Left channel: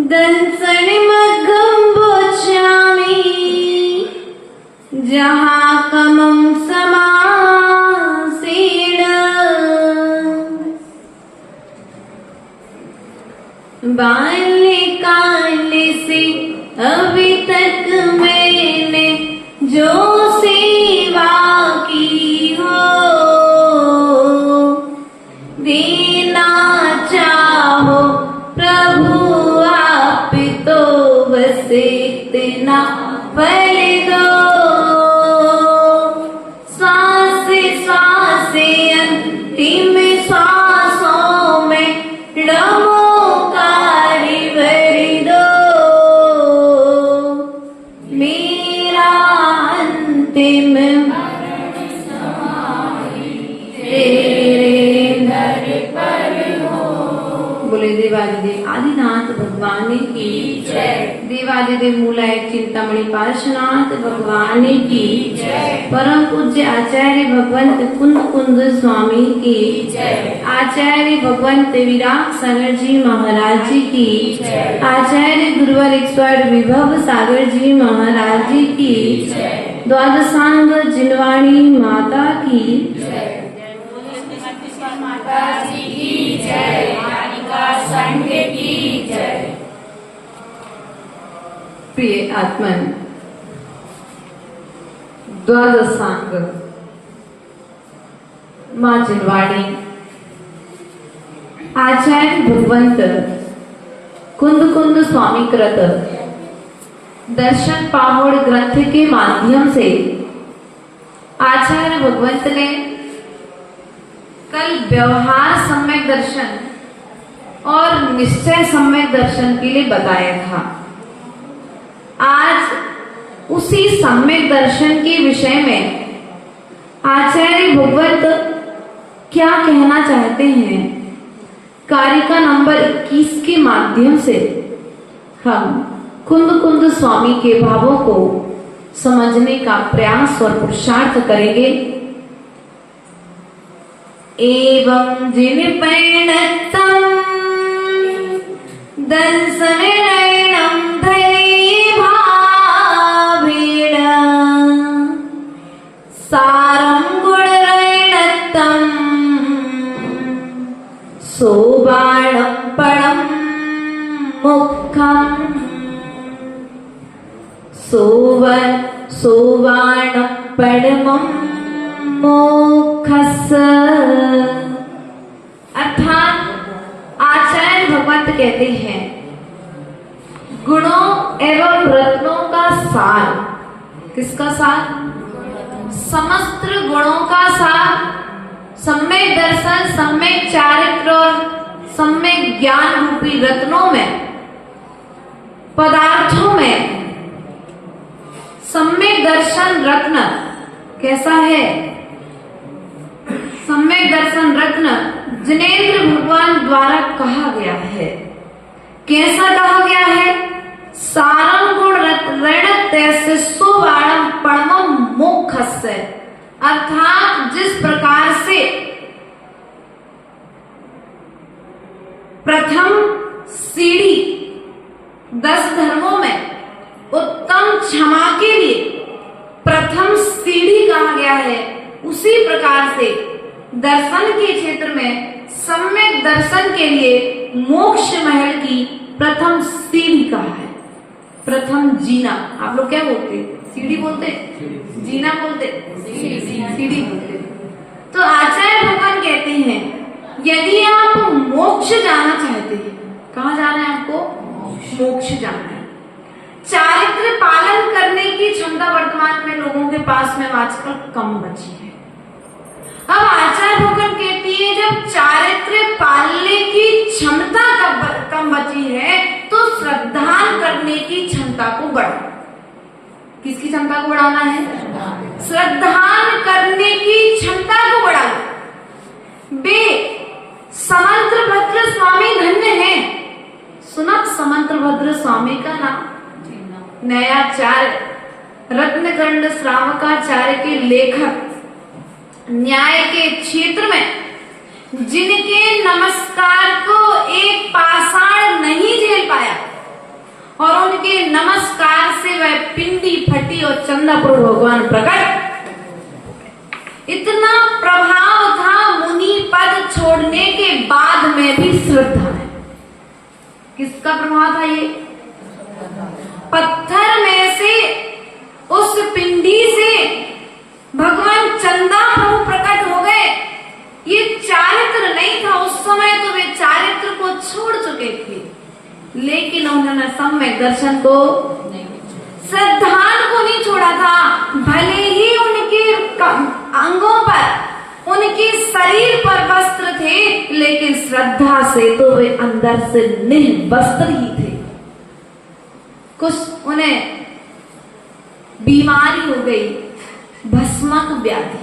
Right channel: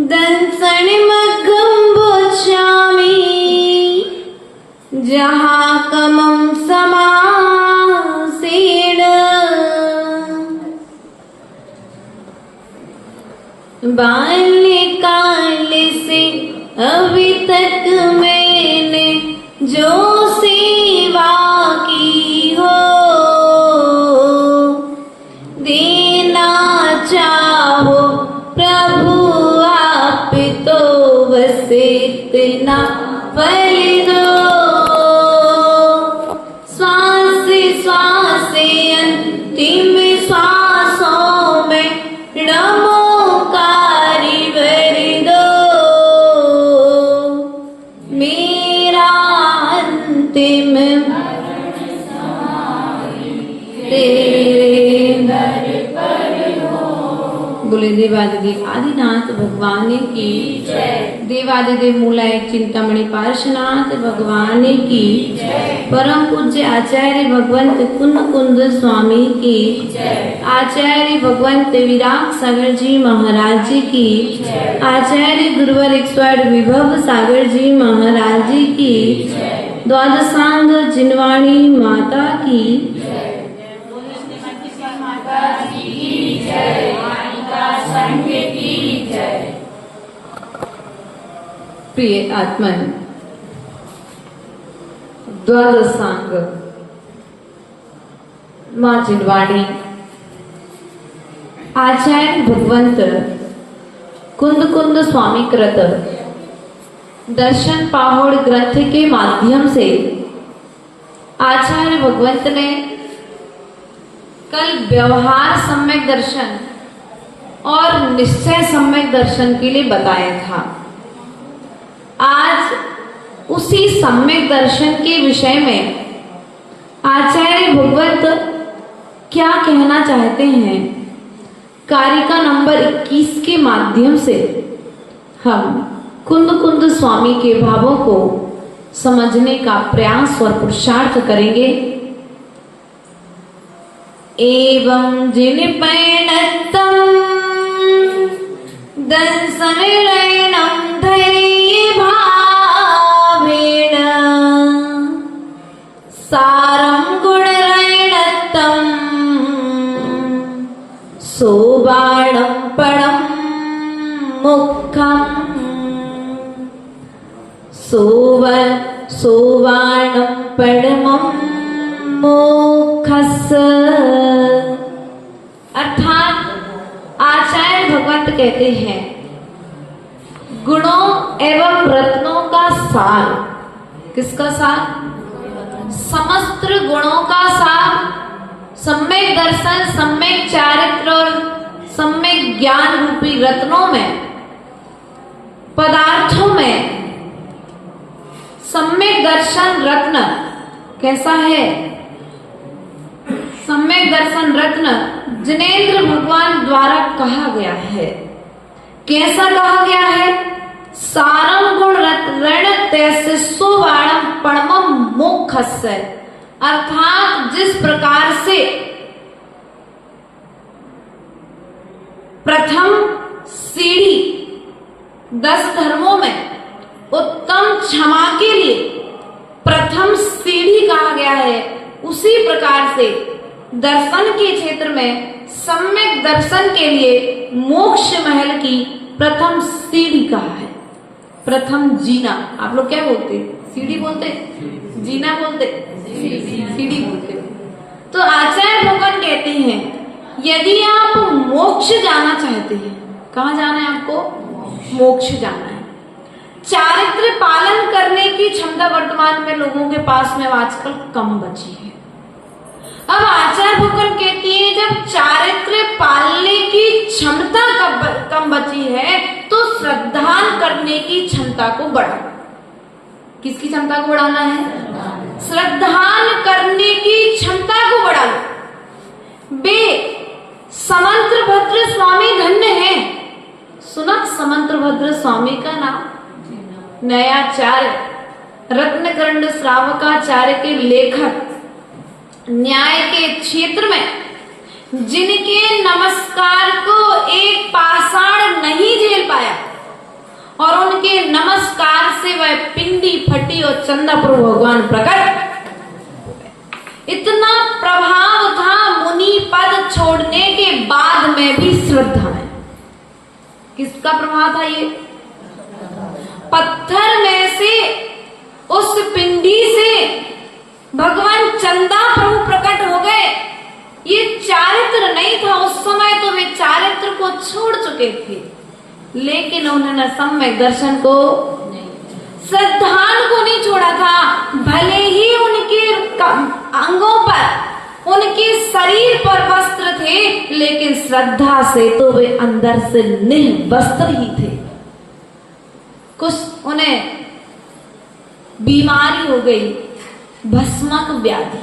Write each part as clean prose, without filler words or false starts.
दंसनिमग्गं बोचामि जहाँ कमं समासेन बाल्यकाल से अभी तक मैंने जो सेवा की हो देना चाहो प्रभु आप तो बस इतना पल दो श्वास श्वास अंतिम श्वासों में नमोकारी भर दो मेरा अंतिम बोले देवादिदेव आदिनाथ भगवान की जय। देवादिदेव मूलाय चिंतामणि पार्श्वनाथ भगवान की जय। परम पूज्य आचार्य भगवंत कुंद कुंद स्वामी की जय। आचार्य भगवंत विराग सागर जी महाराज जी की जय। आचार्य गुरुवर एक्सपर्ट विभव सागर जी महाराज जी की जय। द्वादशांग जिनवाणी माता की जय। माता जी की जय। संघ की जय। प्रिय आत्मन, द्वादशांग मां जिनवाणी आचार्य भगवंत कुंद कुंद स्वामी कृत दर्शन पाहोड़ ग्रंथ के माध्यम से आचार्य भगवंत ने कल व्यवहार सम्यक दर्शन और निश्चय सम्यक दर्शन के लिए बताया था। आज उसी सम्यक दर्शन के विषय में आचार्य भगवंत क्या कहना चाहते हैं, कारिका नंबर 21 के माध्यम से हम कुंद कुंद स्वामी के भावों को समझने का प्रयास और पुरुषार्थ करेंगे। एवं जिन पैणतम दंसनिर्णयं धैर्ये भावेन सारं गुणरैणत्तं सोबाणं पडं मुखं सोबाणं पडमं मुखस्य। अर्थात आचार्य भगवंत कहते हैं गुणों एवं रत्नों का सार। किसका सार? समस्त गुणों का सार सम्यक दर्शन, सम्यक चारित्र और सम्यक ज्ञान रूपी रत्नों में, पदार्थों में सम्यक दर्शन रत्न कैसा है? सम्यक दर्शन रत्न जिनेंद्र भगवान द्वारा कहा गया है। कैसा कहा गया है? सारं गुण ऋणत्य सोबाणं पडमं मोक्षस्य। अर्थात जिस प्रकार से प्रथम सीढ़ी 10 धर्मों में उत्तम क्षमा के लिए प्रथम सीढ़ी कहा गया है, उसी प्रकार से दर्शन के क्षेत्र में सम्यक दर्शन के लिए मोक्ष महल की प्रथम सीढ़ी कहा है। प्रथम जीना, आप लोग क्या बोलते? सीढ़ी बोलते? जीना बोलते? सीढ़ी बोलते। तो आचार्य भगवान कहते हैं यदि आप मोक्ष जाना चाहते हैं, कहाँ जाना है आपको? मोक्ष जाना है। चारित्र पालन करने की क्षमता वर्तमान में लोगों के पास में आजकल कम बची है। अब आचार्य भगवान कहती है जब चारित्र पालने की क्षमता कम बची है तो श्रद्धान करने की क्षमता को बढ़ाओ। किसकी क्षमता को बढ़ाना है? श्रद्धान करने की क्षमता को बढ़ाओ। बे समंत्र भद्र स्वामी धन्य है। सुना समंत्र भद्र स्वामी का नाम? नयाचार्य रत्नकर्ण श्रावकाचार्य के लेखक, न्याय के क्षेत्र में जिनके नमस्कार को एक पाषाण नहीं झेल पाया, चंदापुर भगवान प्रकट। इतना प्रभाव था मुनि पद छोड़ने के बाद में भी श्रद्धा है। किसका प्रभाव था ये? पत्थर में से, उस पिंडी से भगवान चंदा प्रभु प्रकट हो गए। ये चारित्र नहीं था उस समय, तो वे चारित्र को छोड़ चुके थे, लेकिन उन्होंने सम्यक दर्शन को, श्रद्धान को नहीं छोड़ा था। भले ही उनके अंगों पर, उनके शरीर पर वस्त्र थे, लेकिन श्रद्धा से तो वे अंदर से निर्वस्त्र ही थे। कुछ उन्हें बीमारी हो गई, भस्मक व्याधि।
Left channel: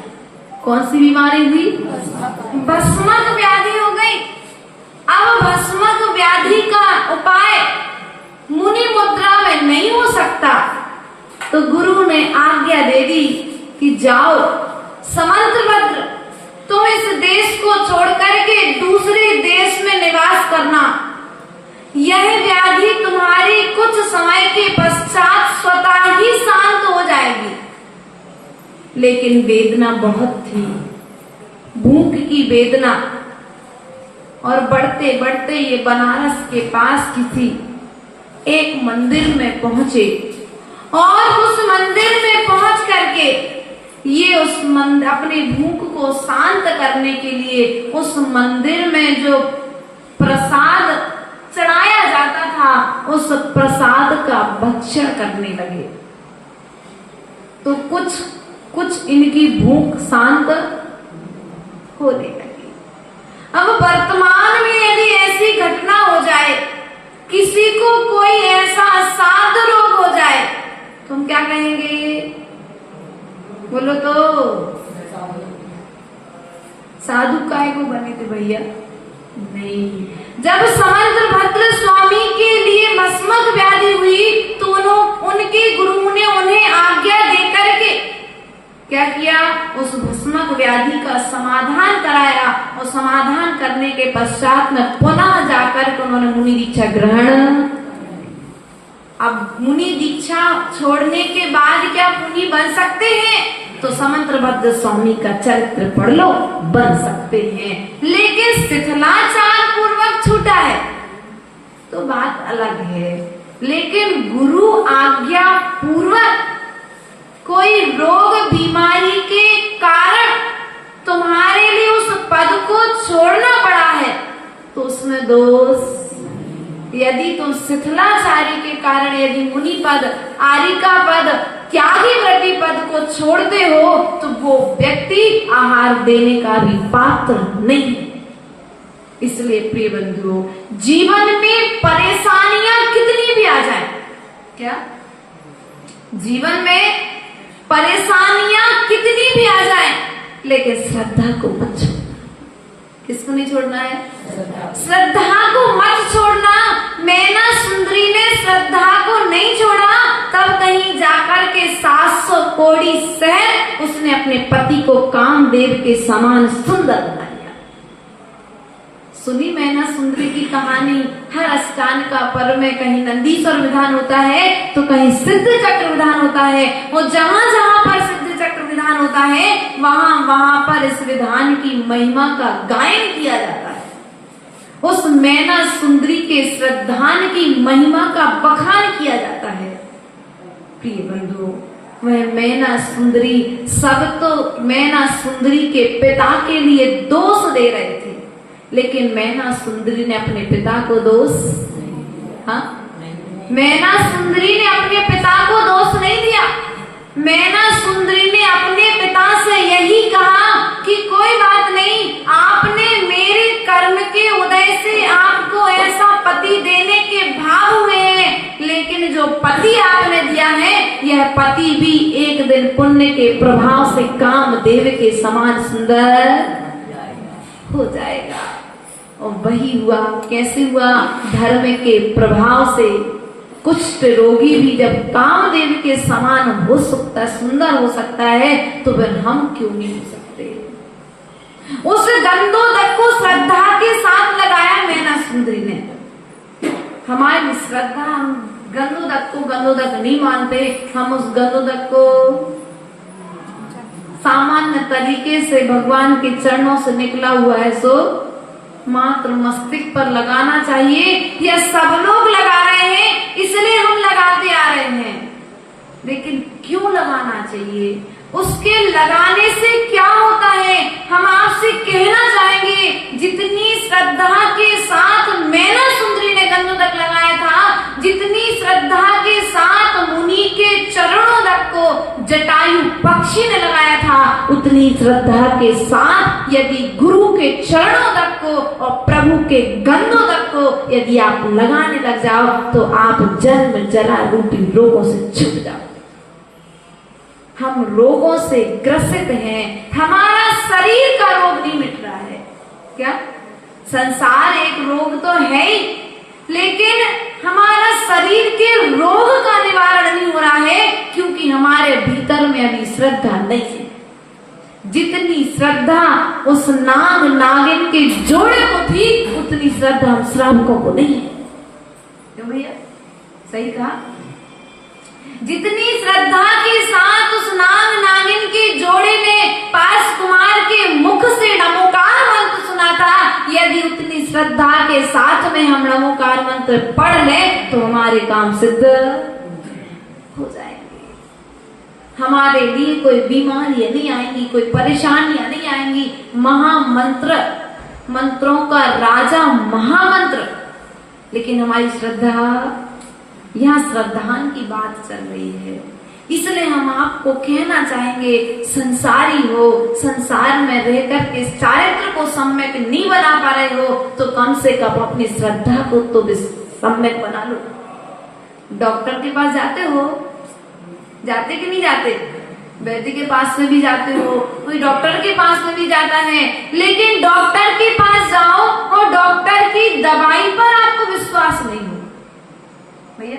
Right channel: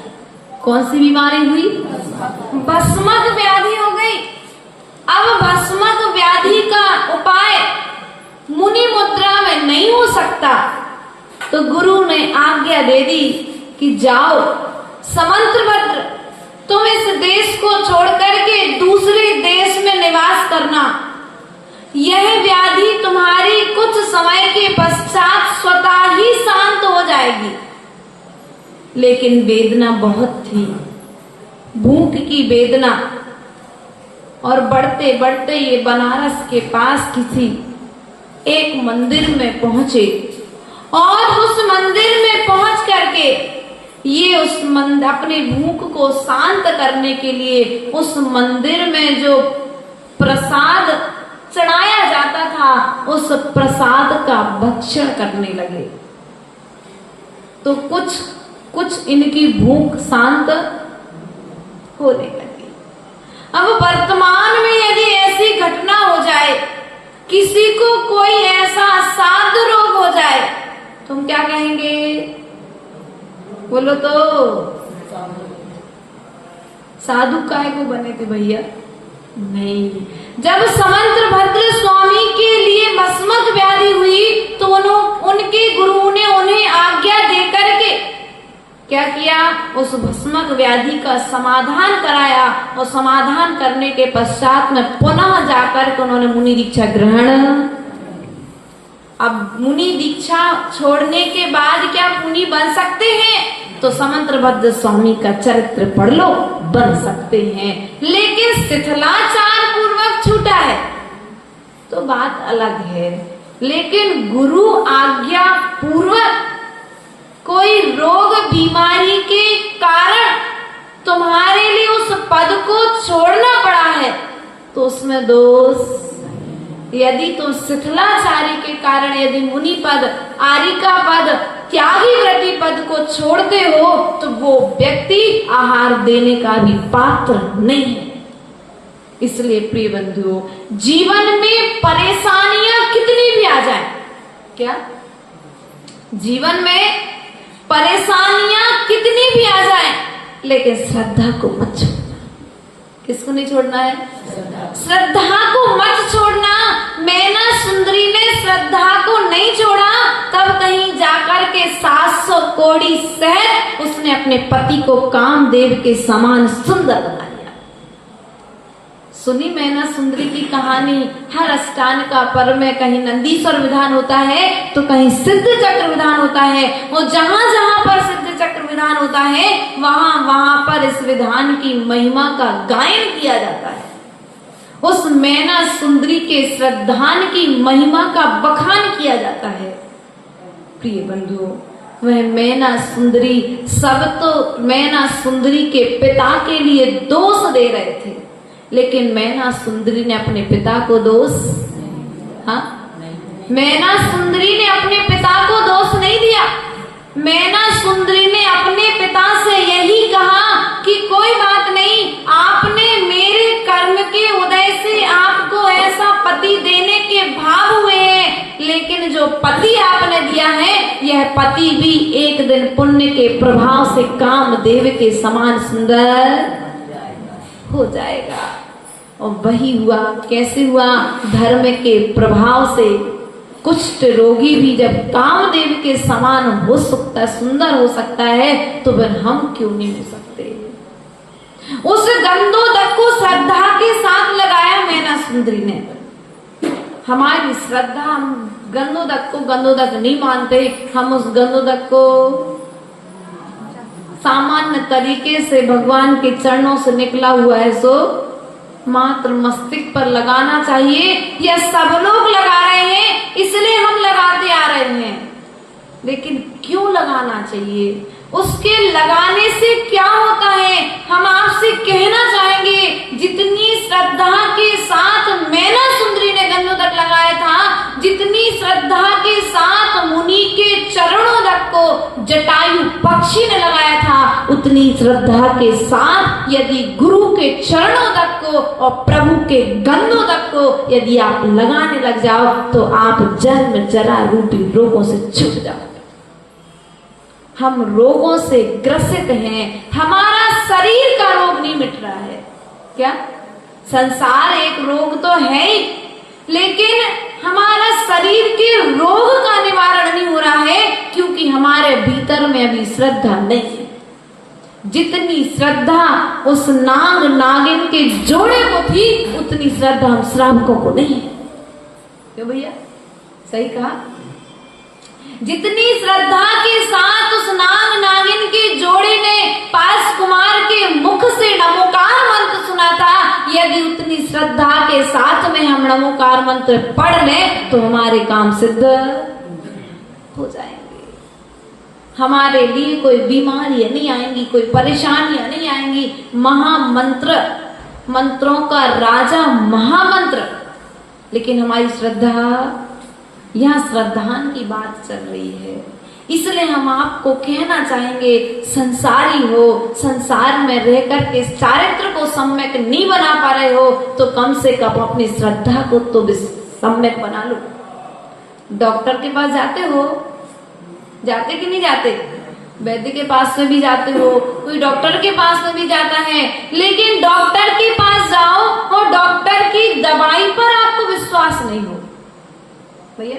कौन सी बीमारी हुई? भस्मक व्याधि हो गई। अब भस्मक व्याधि का उपाय मुनि मुद्रा में नहीं हो सकता, तो गुरु ने आज्ञा दे दी कि जाओ समंत्रभद्र, तुम इस देश को छोड़ करके दूसरे देश में निवास करना। यह व्याधि तुम्हारी कुछ समय के पश्चात स्वतः ही शांत हो जाएगी। लेकिन वेदना बहुत थी, भूख की वेदना। और बढ़ते बढ़ते ये बनारस के पास किसी एक मंदिर में पहुंचे, और उस मंदिर में पहुंच करके ये उस मंदिर, अपने भूख को शांत करने के लिए उस मंदिर में जो प्रसाद चढ़ाया जाता था, उस प्रसाद का भक्षण करने लगे। तो कुछ इनकी भूख शांत होने लगी। अब वर्तमान में यदि ऐसी घटना हो जाए, किसी को कोई ऐसा असाध्य रोग हो जाए, तो हम क्या कहेंगे? बोलो तो, साधु काय को बने थे भैया? नहीं। जब समंत्रभद्र स्वामी के लिए भस्मक व्याधि हुई, तो उनके गुरु ने उन्हें आज्ञा देकर के क्या किया? उस भस्मक व्याधि का समाधान कराया, और समाधान करने के पश्चात में पुनः जाकर के उन्होंने मुनि दीक्षा ग्रहण। अब मुनि दीक्षा छोड़ने के बाद क्या मुनि बन सकते हैं? तो समंत्रभद्र स्वामी का चरित्र पढ़ लो, बन सकते हैं। लेकिन शिथिलाचार पूर्वक छूटा है तो बात अलग है। लेकिन गुरु आज्ञा पूर्वक कोई रोग बीमारी के कारण तुम्हारे लिए उस पद को छोड़ना पड़ा है, तो उसमें दोष। यदि तुम शिथिलाचारी के कारण यदि मुनि पद, आरिका पद, त्यागी व्रती पद को छोड़ते हो, तो वो व्यक्ति आहार देने का भी पात्र नहीं है। इसलिए प्रिय बंधुओं, जीवन में परेशानियां कितनी भी आ जाए, क्या जीवन में परेशानियां कितनी भी आ जाए, लेकिन श्रद्धा को मत छोड़ना। किसको नहीं छोड़ना है? श्रद्धा को मत छोड़ना। मैना सुंदरी ने श्रद्धा को नहीं छोड़ा, तब कहीं जाकर के 700 कोड़ी शहर उसने अपने पति को कामदेव के समान सुंदर बना लिया। सुनी मैना सुंदरी की कहानी? हर अष्टांग का पर्व में कहीं नंदीश्वर विधान होता है, तो कहीं सिद्ध चक्र विधान होता है। वो जहां जहां पर सिद्ध चक्र विधान होता है, वहां वहां पर इस विधान की महिमा का गायन किया जाता है। उस मैना सुंदरी के श्रद्धान की महिमा का बखान किया जाता है। प्रिय बंधुओं, वह मैना सुंदरी, सब तो मैना सुंदरी के पिता के लिए दोष दे रहे थे, लेकिन मैना सुंदरी ने अपने पिता को दोष, हाँ, मैना सुंदरी ने अपने पिता को दोष नहीं दिया। मैना सुंदरी ने अपने पिता से यही कहा कि कोई बात नहीं, आपने मेरे कर्म के उदय से आपको ऐसा पति देने के भाव हुए हैं, लेकिन जो पति आपने दिया है, यह पति भी एक दिन पुण्य के प्रभाव से कामदेव के समान सुंदर हो जाएगा। और वही हुआ। कैसे हुआ? धर्म के प्रभाव से कुष्ठ रोगी भी जब कामदेव के समान हो सकता है, सुंदर हो सकता है, तो फिर हम क्यों नहीं हो सकते? उस गंधोदक को श्रद्धा के साथ लगाया मैना सुंदरी ने। हमारी श्रद्धा, हम गंधोदक को गंधोदक नहीं मानते, हम उस गंधोदक को सामान्य तरीके से भगवान के चरणों से निकला हुआ है सो मात्र मस्तिष्क पर लगाना चाहिए। यह सब लोग लगा रहे हैं इसलिए हम लगाते आ रहे हैं, लेकिन क्यों लगाना चाहिए, उसके लगाने से क्या होता है, हम आपसे कहना चाहेंगे। जितनी श्रद्धा के साथ मैना सुंदरी ने गंधोदक लगाया था, जितनी श्रद्धा के साथ मुनि के चरणोदक को जटायु पक्षी ने लगाया था, उतनी श्रद्धा के साथ यदि गुरु के चरणोदक को और प्रभु के गंधोदक को यदि आप लगाने लग जाओ तो आप जन्म जरा रूपी रोगों से छूट जाओ। हम रोगों से ग्रसित हैं, हमारा शरीर का रोग नहीं मिट रहा है। क्या संसार एक रोग तो है ही, लेकिन हमारा शरीर के रोग का निवारण नहीं हो रहा है क्योंकि हमारे भीतर में अभी श्रद्धा नहीं है। जितनी श्रद्धा उस नाग नागिन के जोड़े को थी, उतनी श्रद्धा हम श्रावकों को नहीं है। क्यों भैया, सही कहा? जितनी श्रद्धा के साथ उस नाग नागिन के जोड़े ने पास कुमार के मुख से नमोकार मंत्र सुना था, यदि उतनी श्रद्धा के साथ में हम नमोकार मंत्र पढ़ लें तो हमारे काम सिद्ध हो जाएंगे। हमारे लिए कोई बीमारियां नहीं आएंगी, कोई परेशानियां नहीं आएंगी। महामंत्र, मंत्रों का राजा महामंत्र, लेकिन हमारी श्रद्धा, यहाँ श्रद्धान की बात चल रही है। इसलिए हम आपको कहना चाहेंगे, संसारी हो, संसार में रहकर के चारित्र को सम्यक नहीं बना पा रहे हो तो कम से कम अपनी श्रद्धा को तो सम्यक बना लो। डॉक्टर के पास जाते हो, जाते कि नहीं जाते? वैद्य के पास में भी जाते हो, कोई डॉक्टर के पास में भी जाता है, लेकिन डॉक्टर के पास जाओ और डॉक्टर की दवाई पर आपको विश्वास नहीं हो भैया,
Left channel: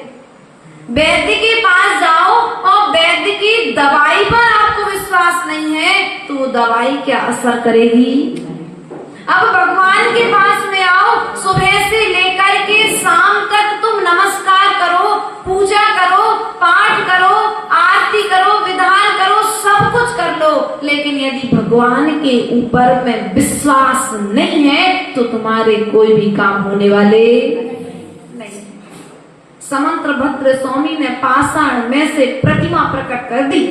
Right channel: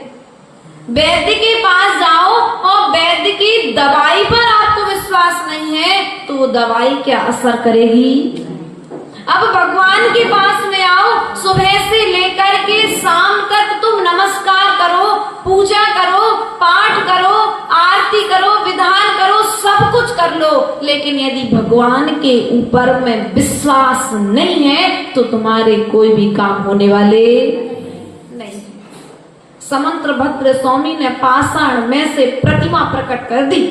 वैद्य के पास जाओ और वैद्य की दवाई पर आपको विश्वास नहीं है तो वो दवाई क्या असर करेगी? अब भगवान के पास में आओ, सुबह से लेकर के शाम तक तुम नमस्कार करो, पूजा करो, पाठ करो, आरती करो, विधान करो, सब कुछ कर लो, लेकिन यदि भगवान के ऊपर में विश्वास नहीं है तो तुम्हारे कोई भी काम होने वाले नहीं। समंत्र भद्र स्वामी ने पाषाण में से प्रतिमा प्रकट कर दी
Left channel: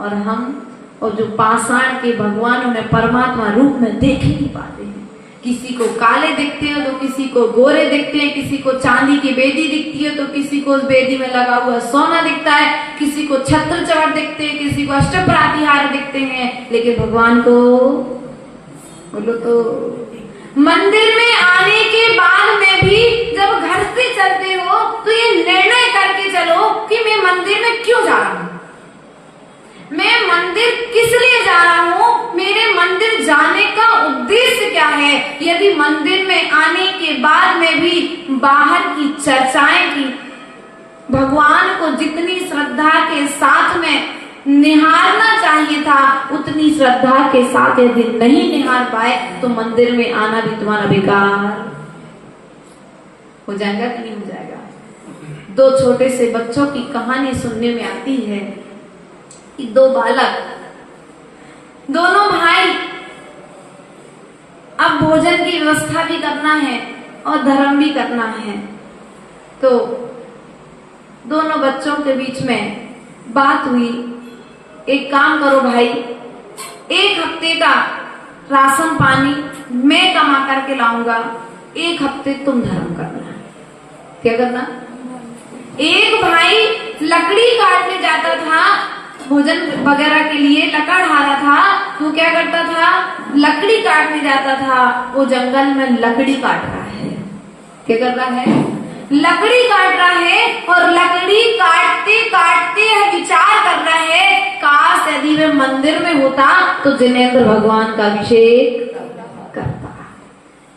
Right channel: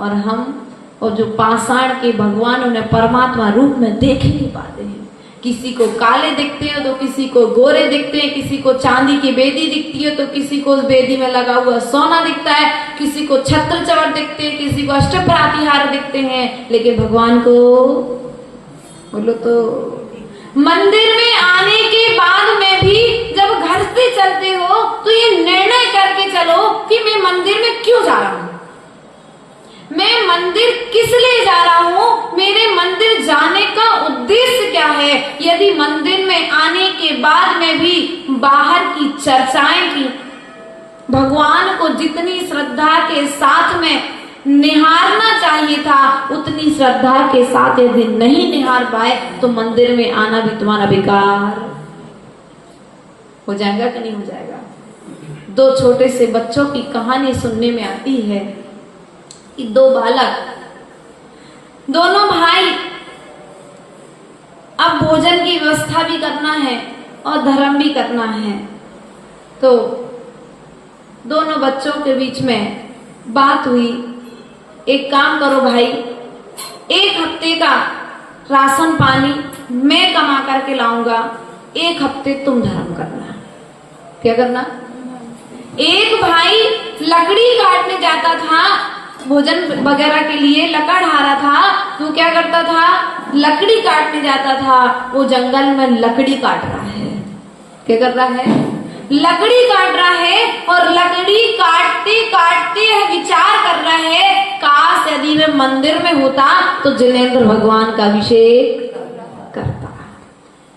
और हम और जो पाषाण के भगवान उन्हें परमात्मा रूप में देख नहीं पाते हैं। किसी को काले दिखते हैं तो किसी को गोरे दिखते हैं, किसी को चांदी की बेदी दिखती है तो किसी को उस बेदी में लगा हुआ सोना दिखता है, किसी को छत्र चौर दिखते हैं, किसी को अष्टप्रातिहार दिखते हैं, लेकिन भगवान को बोलो तो मंदिर में आने के बाद में भी जब घर से चलते हो तो ये निर्णय करके चलो कि मैं मंदिर में क्यों जा रहा हूँ, मैं मंदिर किस लिए जा रहा हूँ, मेरे मंदिर जाने का उद्देश्य क्या है। यदि मंदिर में आने के बाद में भी बाहर की चर्चाएं की, भगवान को जितनी श्रद्धा के साथ में निहारना चाहिए था उतनी श्रद्धा के साथ यदि नहीं निहार पाए तो मंदिर में आना भी तुम्हारा बेकार हो जाएगा कि नहीं हो जाएगा। दो छोटे से बच्चों की कहानी सुनने में आती है कि दो बालक, दोनों भाई, अब भोजन की व्यवस्था भी करना है और धर्म भी करना है, तो दोनों बच्चों के बीच में बात हुई, एक काम करो भाई, एक हफ्ते का राशन पानी मैं कमा करके लाऊंगा, एक हफ्ते तुम धर्म करना। क्या करना? एक भाई लकड़ी काटने जाता था, भोजन वगैरह के लिए लकड़ हारा था, तो क्या करता था? लकड़ी काटने जाता था, वो जंगल में लकड़ी काट रहा है। क्या कर रहा है? लकड़ी काट रहा है और लकड़ी काटते काटते विचार कर रहा है, काश यदि मैं मंदिर में होता तो जिनेंद्र भगवान का अभिषेक करता।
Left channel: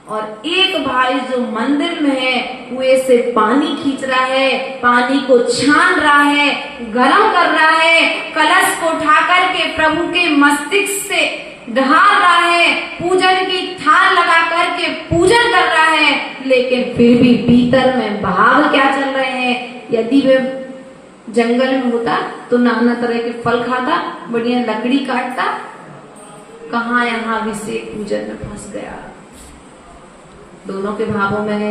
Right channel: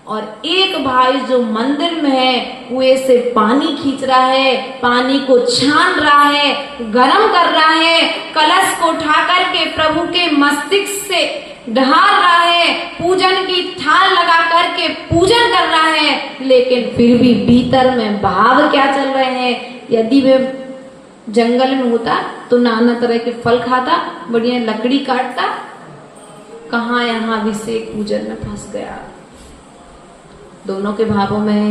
और एक भाई जो मंदिर में है कुएं से पानी खींच रहा है, पानी को छान रहा है, गर्म कर रहा है, कलश को उठा करके प्रभु के मस्तिष्क से ढाल रहा है, पूजन की थाल लगा करके पूजन कर रहा है, लेकिन फिर भी भीतर में भाव क्या चल रहे हैं। यदि वे जंगल में होता तो नाना तरह के फल खाता, बढ़िया लकड़ी काटता, कहाँ यहाँ अभिषेक पूजन में फंस गया। दोनों के भावों में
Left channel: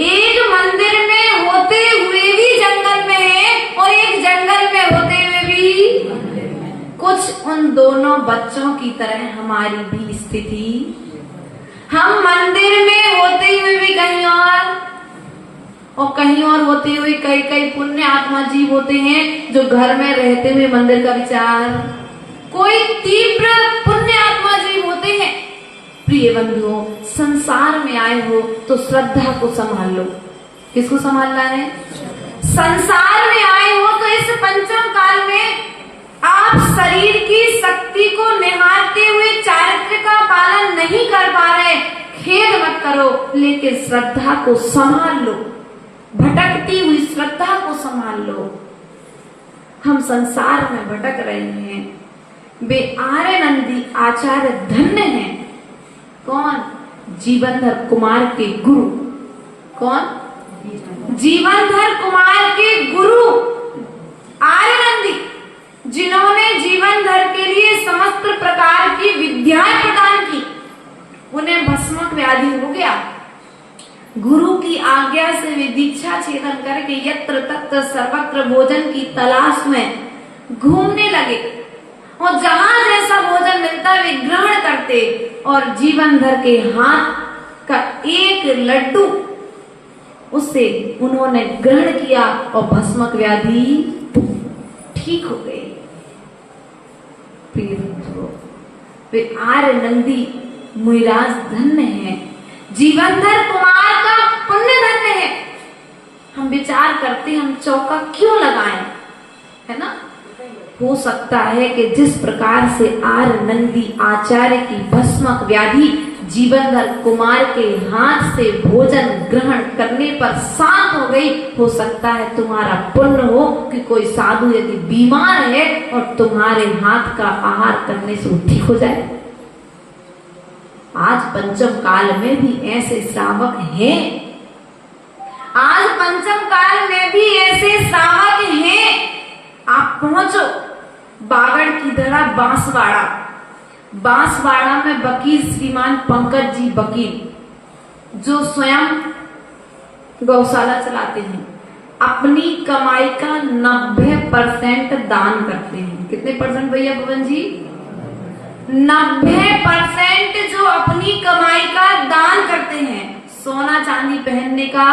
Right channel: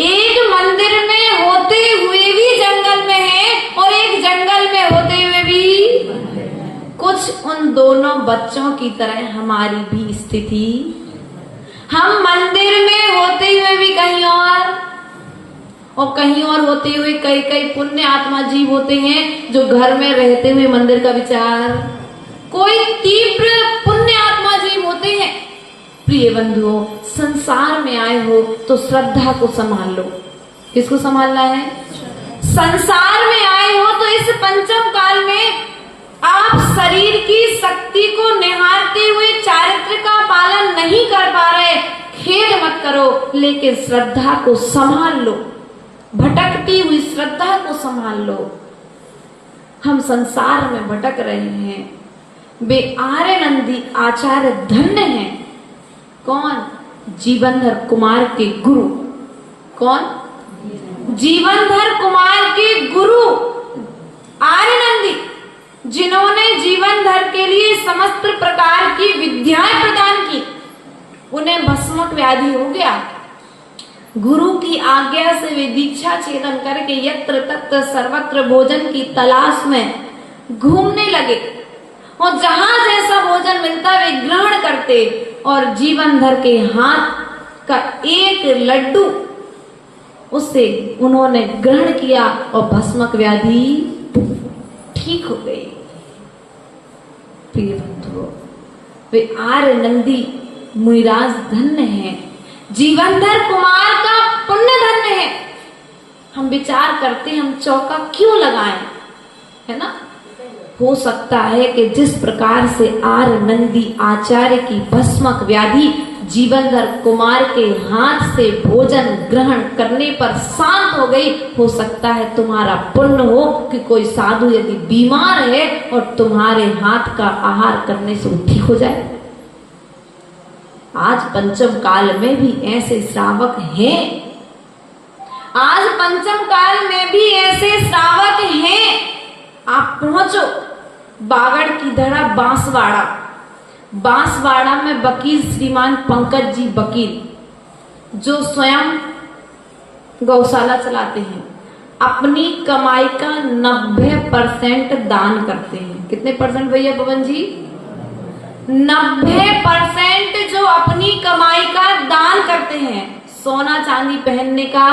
एक मंदिर में होते हुए भी जंगल में है और एक जंगल में होते हुए भी कुछ उन दोनों बच्चों की तरह हमारी भी स्थिति। हम मंदिर में होते हुए भी कहीं और कहीं और होते हुए कई कई पुण्य आत्मा जीव होते हैं जो घर में रहते हुए मंदिर का विचार, कोई तीव्र पुण्य आत्मा जीव होते हैं। प्रिय बंधुओं, संसार में आए हो तो श्रद्धा को संभाल लो। किसको संभालना है? संसार में आए हो तो इस पंचम काल में आप शरीर की शक्ति को निहारते हुए चारित्र का पालन नहीं कर पा रहे, खेद मत करो, लेकिन श्रद्धा को संभाल लो। भटकती हुई श्रद्धा को संभाल लो। हम संसार में भटक रहे हैं। वे आर्यनंदी आचार्य धन्य हैं। कौन? जीवनधर कुमार के गुरु। कौन? जीवनधर कुमार के गुरु आर्यनंदी, जिन्होंने जीवनधर के लिए समस्त प्रकार की विद्याएं प्रदान की। उन्हें भस्मक व्याधि हो गया। गुरु की आज्ञा से वे दीक्षा छेदन करके यत्र तत्र सर्वत्र भोजन की तलाश में घूमने लगे और जहां जैसा भोजन मिलता वे ग्रहण करते और जीवनधर के हाथ का एक लड्डू उससे उन्होंने ग्रहण किया और भस्मक व्याधि ठीक हो गई। प्रिय बंधुओं, वे आर्यनंदी मुनिराज धन्य हैं। जीवनधर कुमार का पुण्य धन्य है। हम विचार करते हम चौका क्यों लगाएं, है ना? हो सकता है कि जिस प्रकार से आर्यनंदी आचार्य की भस्मक व्याधि जीवनधर कुमार के हाथ से भोजन ग्रहण करने पर शांत हो गई, हो सकता है तुम्हारा पुण्य हो कि कोई साधु यदि बीमार है और तुम्हारे हाथ का आहार करने से वो ठीक हो जाए। आज पंचम काल में भी ऐसे श्रावक हैं। आज पंचम काल में भी ऐसे श्रावक हैं। आप पहुंचो बागड़ की धरा बांसवाड़ा। बांसवाड़ा में वकील श्रीमान पंकज जी वकील, जो स्वयं गौशाला चलाते हैं, अपनी कमाई का 90% दान करते हैं। कितने परसेंट भैया पवन जी? 90% जो अपनी कमाई का दान करते हैं। सोना चांदी पहनने का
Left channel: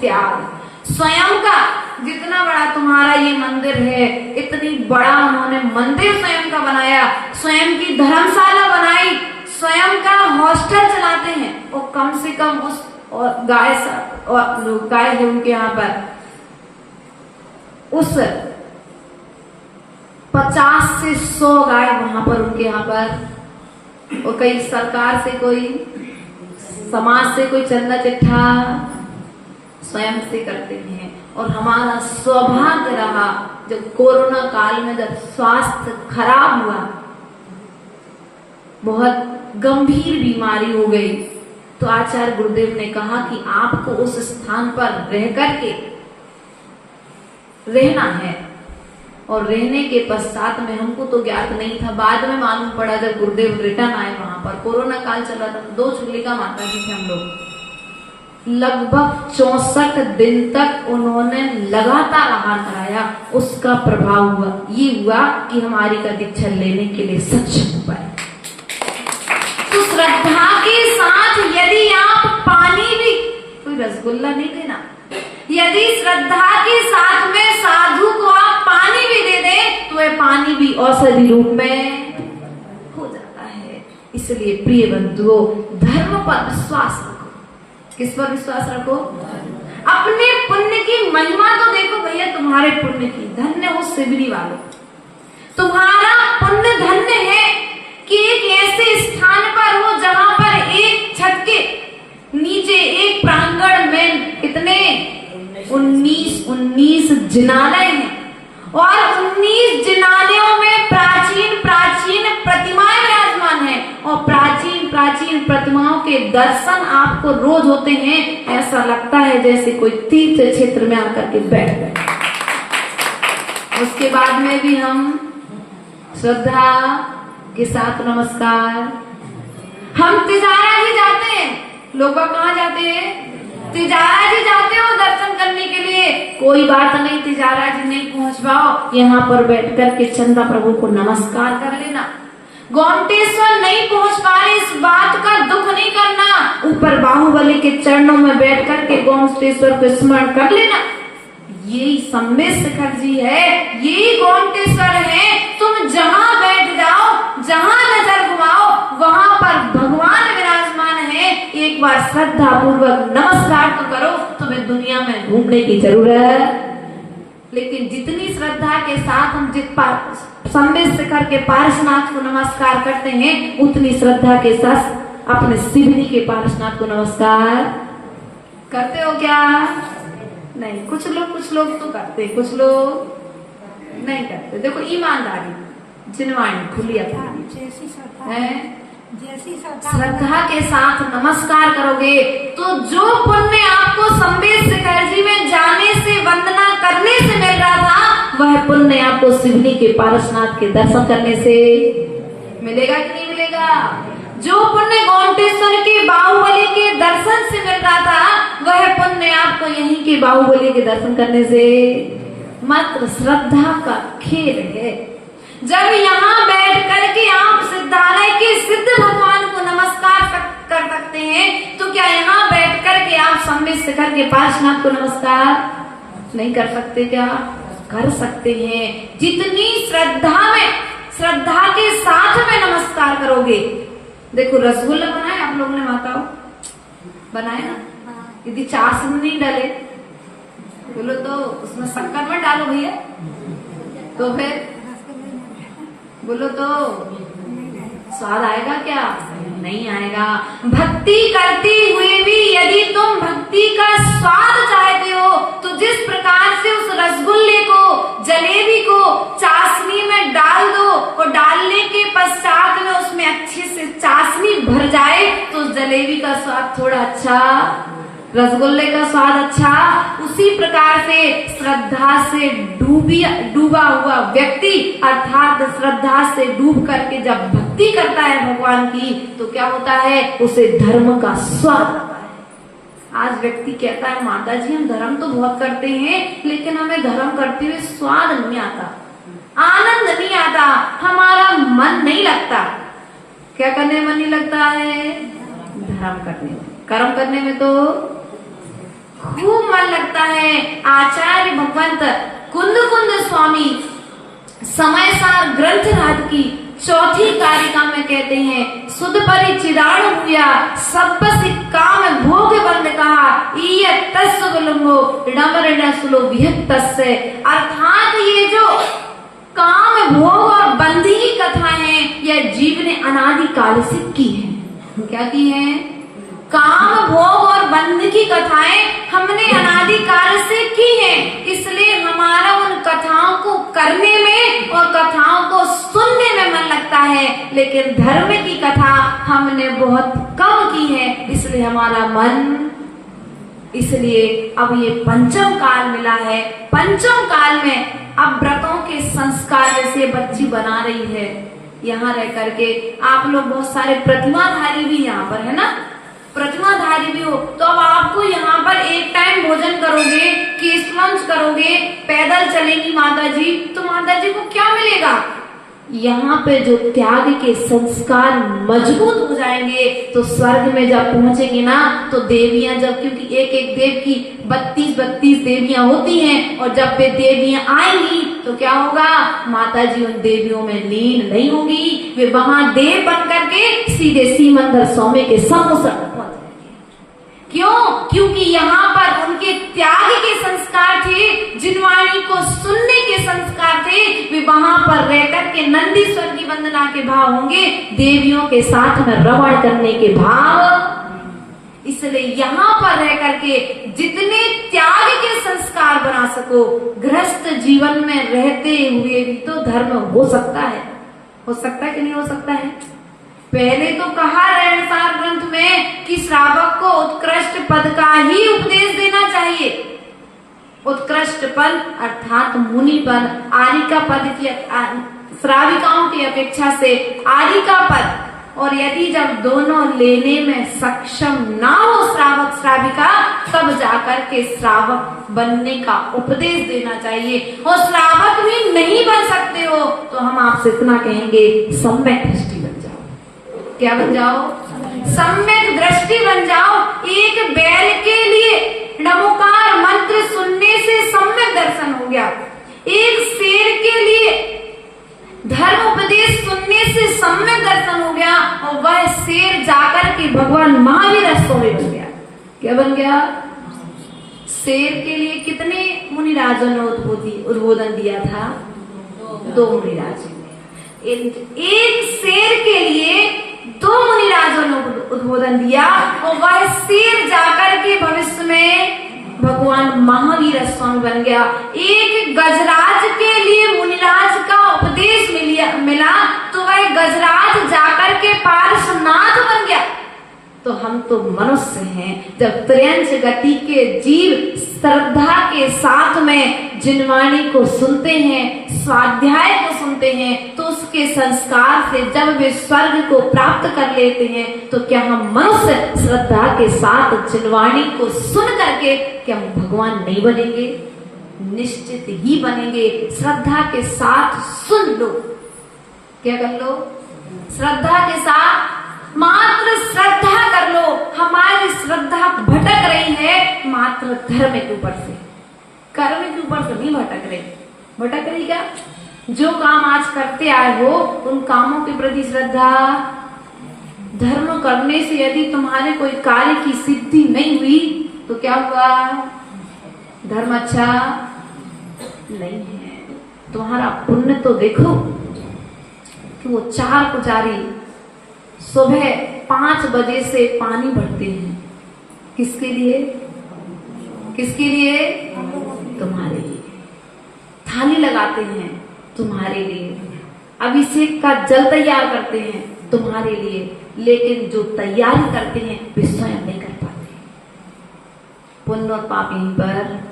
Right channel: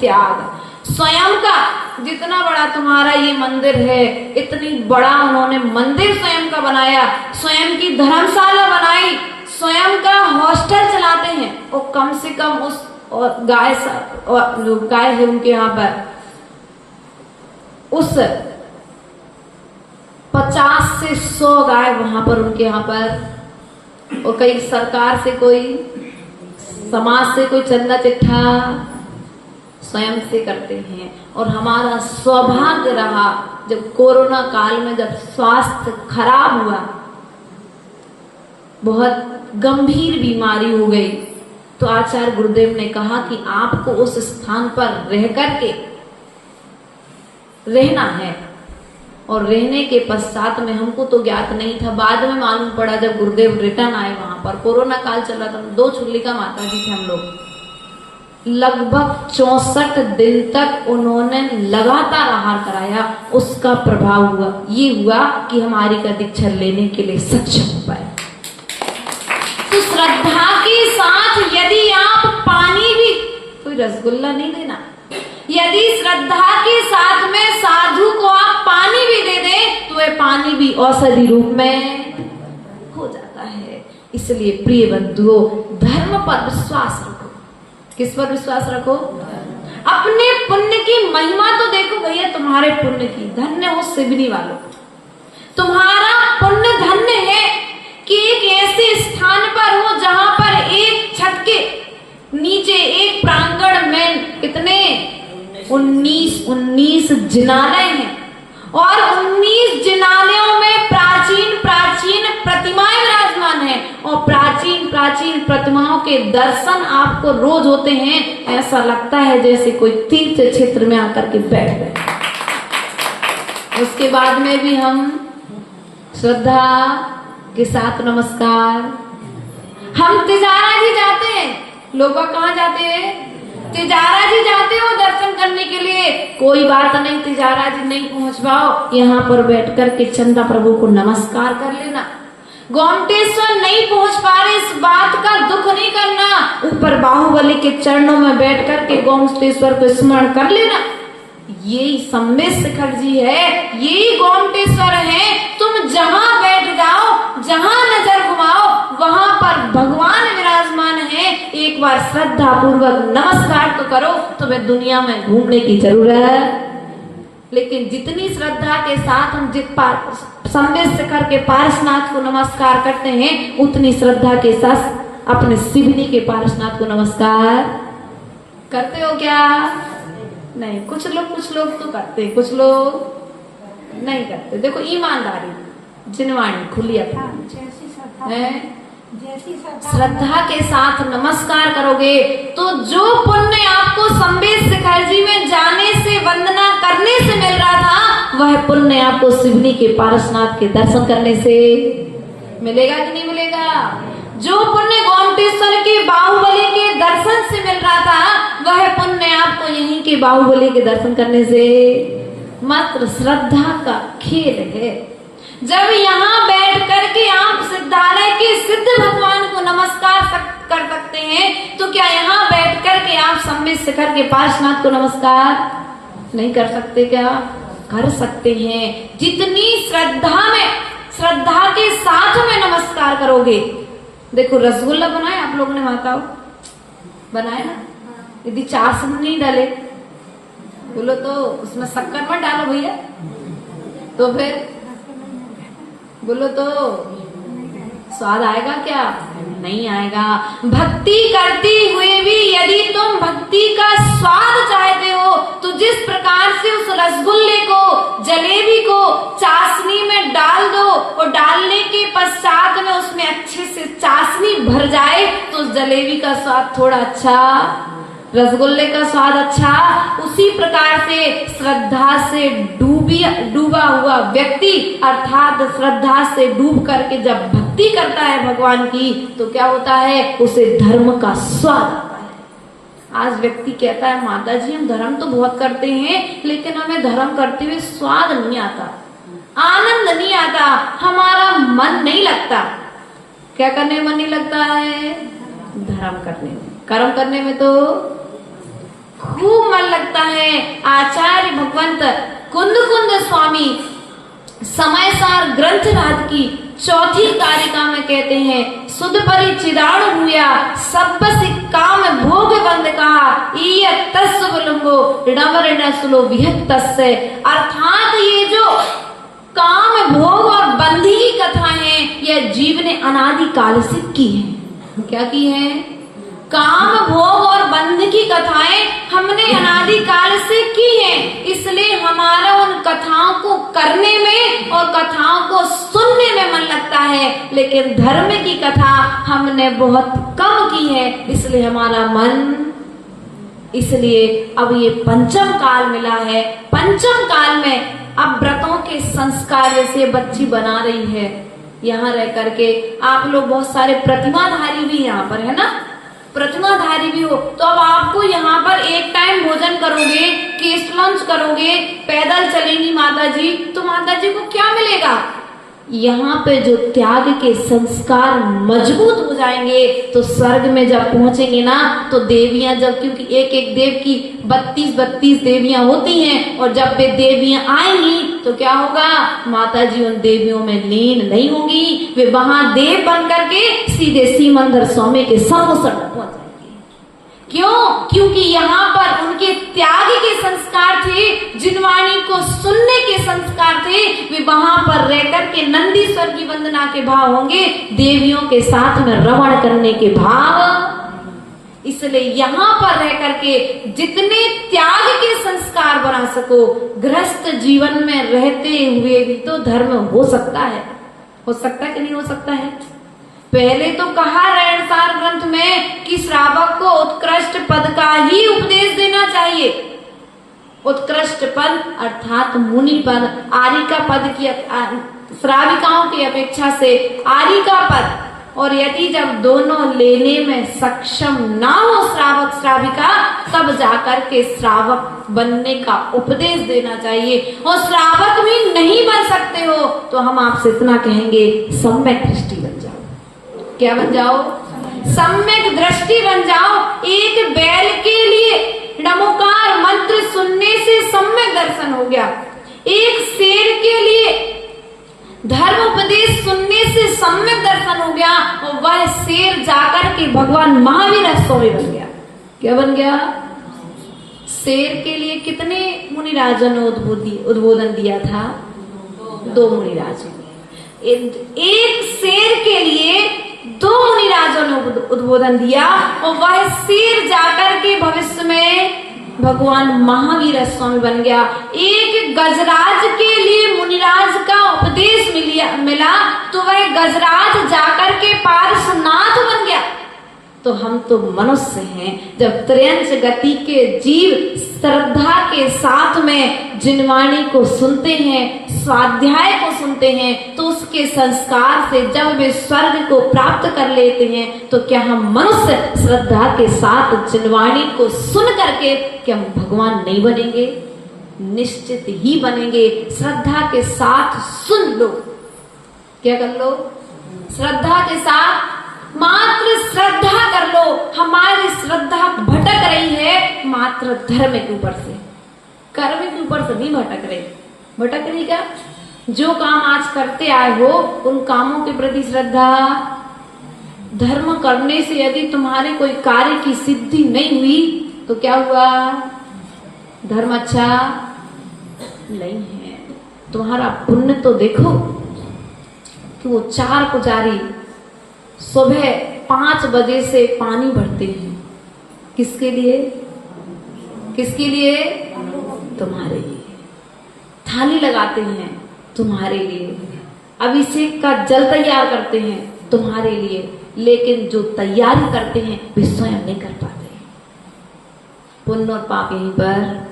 त्याग, स्वयं का जितना बड़ा तुम्हारा ये मंदिर है, इतनी बड़ा उन्होंने मंदिर स्वयं का बनाया, स्वयं की धर्मशाला बनाई, स्वयं का हॉस्टल चलाते हैं और कम से कम उस और गाय है उनके यहाँ पर, उस 50 से 100 गाय वहां पर उनके यहाँ पर, और कई सरकार से कोई, समाज से कोई चंदा चिट्ठा स्वयं से करते हैं। और हमारा सौभाग्य रहा जब कोरोना काल में जब स्वास्थ्य खराब हुआ, बहुत गंभीर बीमारी हो गई, तो आचार्य गुरुदेव ने कहा कि आपको उस स्थान पर रह करके रहना है। और रहने के पश्चात में हमको तो ज्ञात नहीं था, बाद में मालूम पड़ा जब गुरुदेव रिटर्न आए वहां पर, कोरोना काल चल रहा था, 2 चुगलिका माता जी थे हम लोग। लगभग 64 दिन तक उन्होंने लगातार आहार कराया। उसका प्रभाव हुआ ये हुआ कि हमारी का दीक्षा लेने के लिए सक्षम हो पाए। तो श्रद्धा के साथ यदि आप पानी भी, कोई रसगुल्ला नहीं देना, यदि श्रद्धा के साथ में साधु को आप पानी भी दे दे तो वह पानी भी औषधि रूप में हो जाता है। इसलिए प्रिय बंधुओं, धर्म पर विश्वास रखो। किस पर विश्वास रखो? अपने पुण्य की महिमा तो देखो भैया, तुम्हारे पुण्य की। धन्य हो सिवनी वालों, तुम्हारा पुण्य धन्य है कि एक ऐसे स्थान पर हो जहां पर एक छत के नीचे एक प्रांगण में कितने 19 जिनालय हैं और 19 जिनालयों में प्राचीन प्राचीन प्रतिमा दर्शन आपको रोज होते हैं, ऐसा लगता है जैसे कोई तीर्थ क्षेत्र में आकर के बैठ गए। उसके बाद में भी हम श्रद्धा के साथ नमस्कार। हम तिजारा जी जाते हैं, लोग कहाँ जाते हैं? तिजारा जी जाते हो दर्शन करने के लिए, कोई बात नहीं, तिजारा जी नहीं पहुंच पाओ, यहाँ पर बैठ कर के चंदा प्रभु को नमस्कार कर लेना। गोमटेश्वर नहीं पहुंच पा रहे, इस बात का दुख नहीं करना, ऊपर बाहुबली के चरणों में बैठ कर के गोमटेश्वर को स्मरण कर लेना। यही सम्मेद शिखर जी है, यही गोमटेश्वर है। तुम जहाँ बैठ जाओ, जहाँ नजर घुमाओ, वहाँ पर भगवान विराजमान है। एक बार श्रद्धा पूर्वक नमस्कार तो करो, तुम्हें दुनिया में घूमने की जरूरत। लेकिन जितनी श्रद्धा के साथ हम सम्मेद शिखर के पारसनाथ को नमस्कार करते हैं, उतनी श्रद्धा के साथ अपने शिवनी के पारसनाथ को नमस्कार करते हो क्या? नहीं, कुछ लोग तो करते, कुछ लोग नहीं करते। देखो ईमानदारी, जिनवाणी खुली है, श्रद्धा के साथ नमस्कार करोगे तो जो पुण्य आपको सम्मेद शिखर जी में जाने से, वंदना करने से मिल रहा था, वह पुण्य आपको शिवनी के पारसनाथ के दर्शन करने से मिलेगा कि नहीं मिलेगा? जो पुण्य गोमटेश्वर के बाहुबली के दर्शन से मिल रहा था, वह पुण्य आपको यहीं के बाहुबली के दर्शन करने से। मात्र श्रद्धा का खेल है। जब यहाँ बैठ करके आप सिद्धालय के सिद्ध भगवान को नमस्कार कर सकते हैं, तो क्या यहाँ बैठ करके आप सम्मेद शिखर के पार्श्वनाथ को नमस्कार नहीं कर सकते? क्या कर सकते हैं। जितनी श्रद्धा के साथ में नमस्कार करोगे। देखो रसगुल्ला बनाए आप लोगों ने, माताओं बनाए ना? यदि चाशनी नहीं डाले बोलो तो उसमें शक्कर मत डालो भैया, तो फिर बोलो तो स्वाद आएगा क्या? नहीं आएगा। भक्ति करते हुए भी यदि तुम भक्ति का स्वाद चाहते हो, तो जिस प्रकार से उस रसगुल्ले को, जलेबी को चाशनी में डाल दो और डालने के पश्चात में उसमें अच्छे से चाशनी भर जाए, तो उस जलेबी का स्वाद थोड़ा अच्छा, रसगुल्ले का स्वाद अच्छा। उसी प्रकार से श्रद्धा से डूबा हुआ व्यक्ति, अर्थात श्रद्धा से डूब करके जब भक्ति करता है भगवान की, तो क्या होता है? उसे धर्म का स्वाद आता है। आज व्यक्ति कहता है माता जी हम धर्म तो बहुत करते हैं, लेकिन हमें धर्म करते हुए स्वाद नहीं आता, आनंद नहीं आता, हमारा मन नहीं लगता। क्या करने में मन नहीं लगता है? धर्म करने में, कर्म करने में तो खूब मन लगता है। आचार्य भगवंत कुंद स्वामी समयसार ग्रंथ राज की चौथी कारिका में कहते हैं, सुध परिचिदाण हुआ सप्पसि काम भोग बंद कहा अर्थात ये जो काम भोग और बंदी की कथा है, यह जीव ने अनादि काल से की है। क्या की है? काम भोग और बंध की कथाएं हमने अनादि काल से की है। इसलिए हमारा उन कथाओं को करने में और कथाओं को सुनने में मन लगता है, लेकिन धर्म की कथा हमने बहुत कम की है, इसलिए हमारा मन। इसलिए अब ये पंचम काल मिला है। पंचम काल में अब व्रतों के संस्कार जैसे बच्ची बना रही है, यहाँ रह करके आप लोग बहुत सारे प्रतिमाधारी भी यहाँ पर है ना, प्रतिमाधारी भी हो, तो अब आपको यहाँ पर एक टाइम भोजन करोगे, केस्ट लंच करोगे, पैदल चलेंगी माता जी, तो माता जी को क्या मिलेगा? यहाँ पे जो त्याग के संस्कार मजबूत हो जाएंगे, तो स्वर्ग में जब पहुंचेगी ना, तो देवियां जब, क्योंकि एक एक देव की 32 देवियां होती हैं, और जब वे देवियां आएंगी तो क्या होगा? माता जी उन देवियों में लीन नहीं होंगी, वे वहां देव बन करके सीधे सीमंदर स्वामी के सम्मुख। क्यों? क्योंकि यहाँ पर उनके त्याग के संस्कार थे, जिनवाणी को सुनने के संस्कार थे। वे वहां पर रहकर के नंदीश्वर की वंदना के भाव होंगे, देवियों के साथ में रमण करने के भाव। इसलिए यहाँ पर रह करके जितने त्याग के संस्कार बना सको, गृहस्थ जीवन में रहते हुए भी तो धर्म हो सकता है। हो सकता है कि नहीं हो सकता है? पहले तो कहा रहनसार ग्रंथ में कि श्रावक को उत्कृष्ट पद का ही उपदेश देना चाहिए। उत्कृष्ट पद अर्थात मुनि पद, आरिका पद की श्राविकाओं की अपेक्षा से आरिका पद, और यदि जब दोनों लेने में सक्षम ना हो श्रावक श्राविका, तब जाकर के श्रावक बनने का उपदेश देना चाहिए। और श्रावक भी नहीं बन सकते हो तो हम आपसे इतना कहेंगे, सम्यक दृष्टि बन जाओ। क्या बन जाओ? सम्यक दृष्टि बन जाओ। एक बैल के लिए नमोकार मंत्र सुनने से सम्यक दर्शन हो गया। एक शेर के लिए धर्म उपदेश सुनने से सम्यक दर्शन हो गया, और वह शेर जाकर के भगवान महावीर स्वामी बन गया। क्या बन गया? शेर के लिए कितने मुनिराजों ने उद्बोधन दिया था? 2 मुनिराजों ने। एक शेर के लिए 2 मुनिराजों ने उद्बोधन दिया, और वह शेर जाकर के भविष्य में भगवान महावीर स्वामी बन गया। एक गजराज के लिए मुनिराज का उपदेश मिला तो वह गजराज जाकर के पार्श्वनाथ बन गया। तो हम तो मनुष्य हैं। जब त्रयंश गति के जीव श्रद्धा के साथ में जिनवाणी को सुनते हैं, स्वाध्याय को सुनते हैं, तो उसके संस्कार से जब वे स्वर्ग को प्राप्त कर लेते हैं, तो क्या हम मनुष्य श्रद्धा के साथ जिनवाणी को सुन करके क्या हम भगवान नहीं बनेंगे? निश्चित ही बनेंगे। श्रद्धा के साथ सुन लो। क्या कर लो? श्रद्धा के साथ मात्र श्रद्धा कर लो। हमारी श्रद्धा भटक रही है मात्र धर्म के ऊपर से, कर्म के ऊपर से नहीं भटक रही। भटक रही क्या? जो काम आज करते आए हो उन कामों के प्रति श्रद्धा। धर्म करने से यदि तुम्हारे कोई कार्य की सिद्धि नहीं हुई तो क्या हुआ? धर्म अच्छा नहीं है। तुम्हारा पुण्य तो देखो कि वो 4 पुजारी सुबह 5 बजे से पानी भरते हैं। किसके लिए? किसके लिए? तुम्हारे लिए। थाली लगाते हैं तुम्हारे लिए। अभिषेक का जल तैयार करते हैं तुम्हारे लिए। लेकिन जो तैयारी करते हैं वे स्वयं नहीं कर पाते। पुण्य और पाप यहीं पर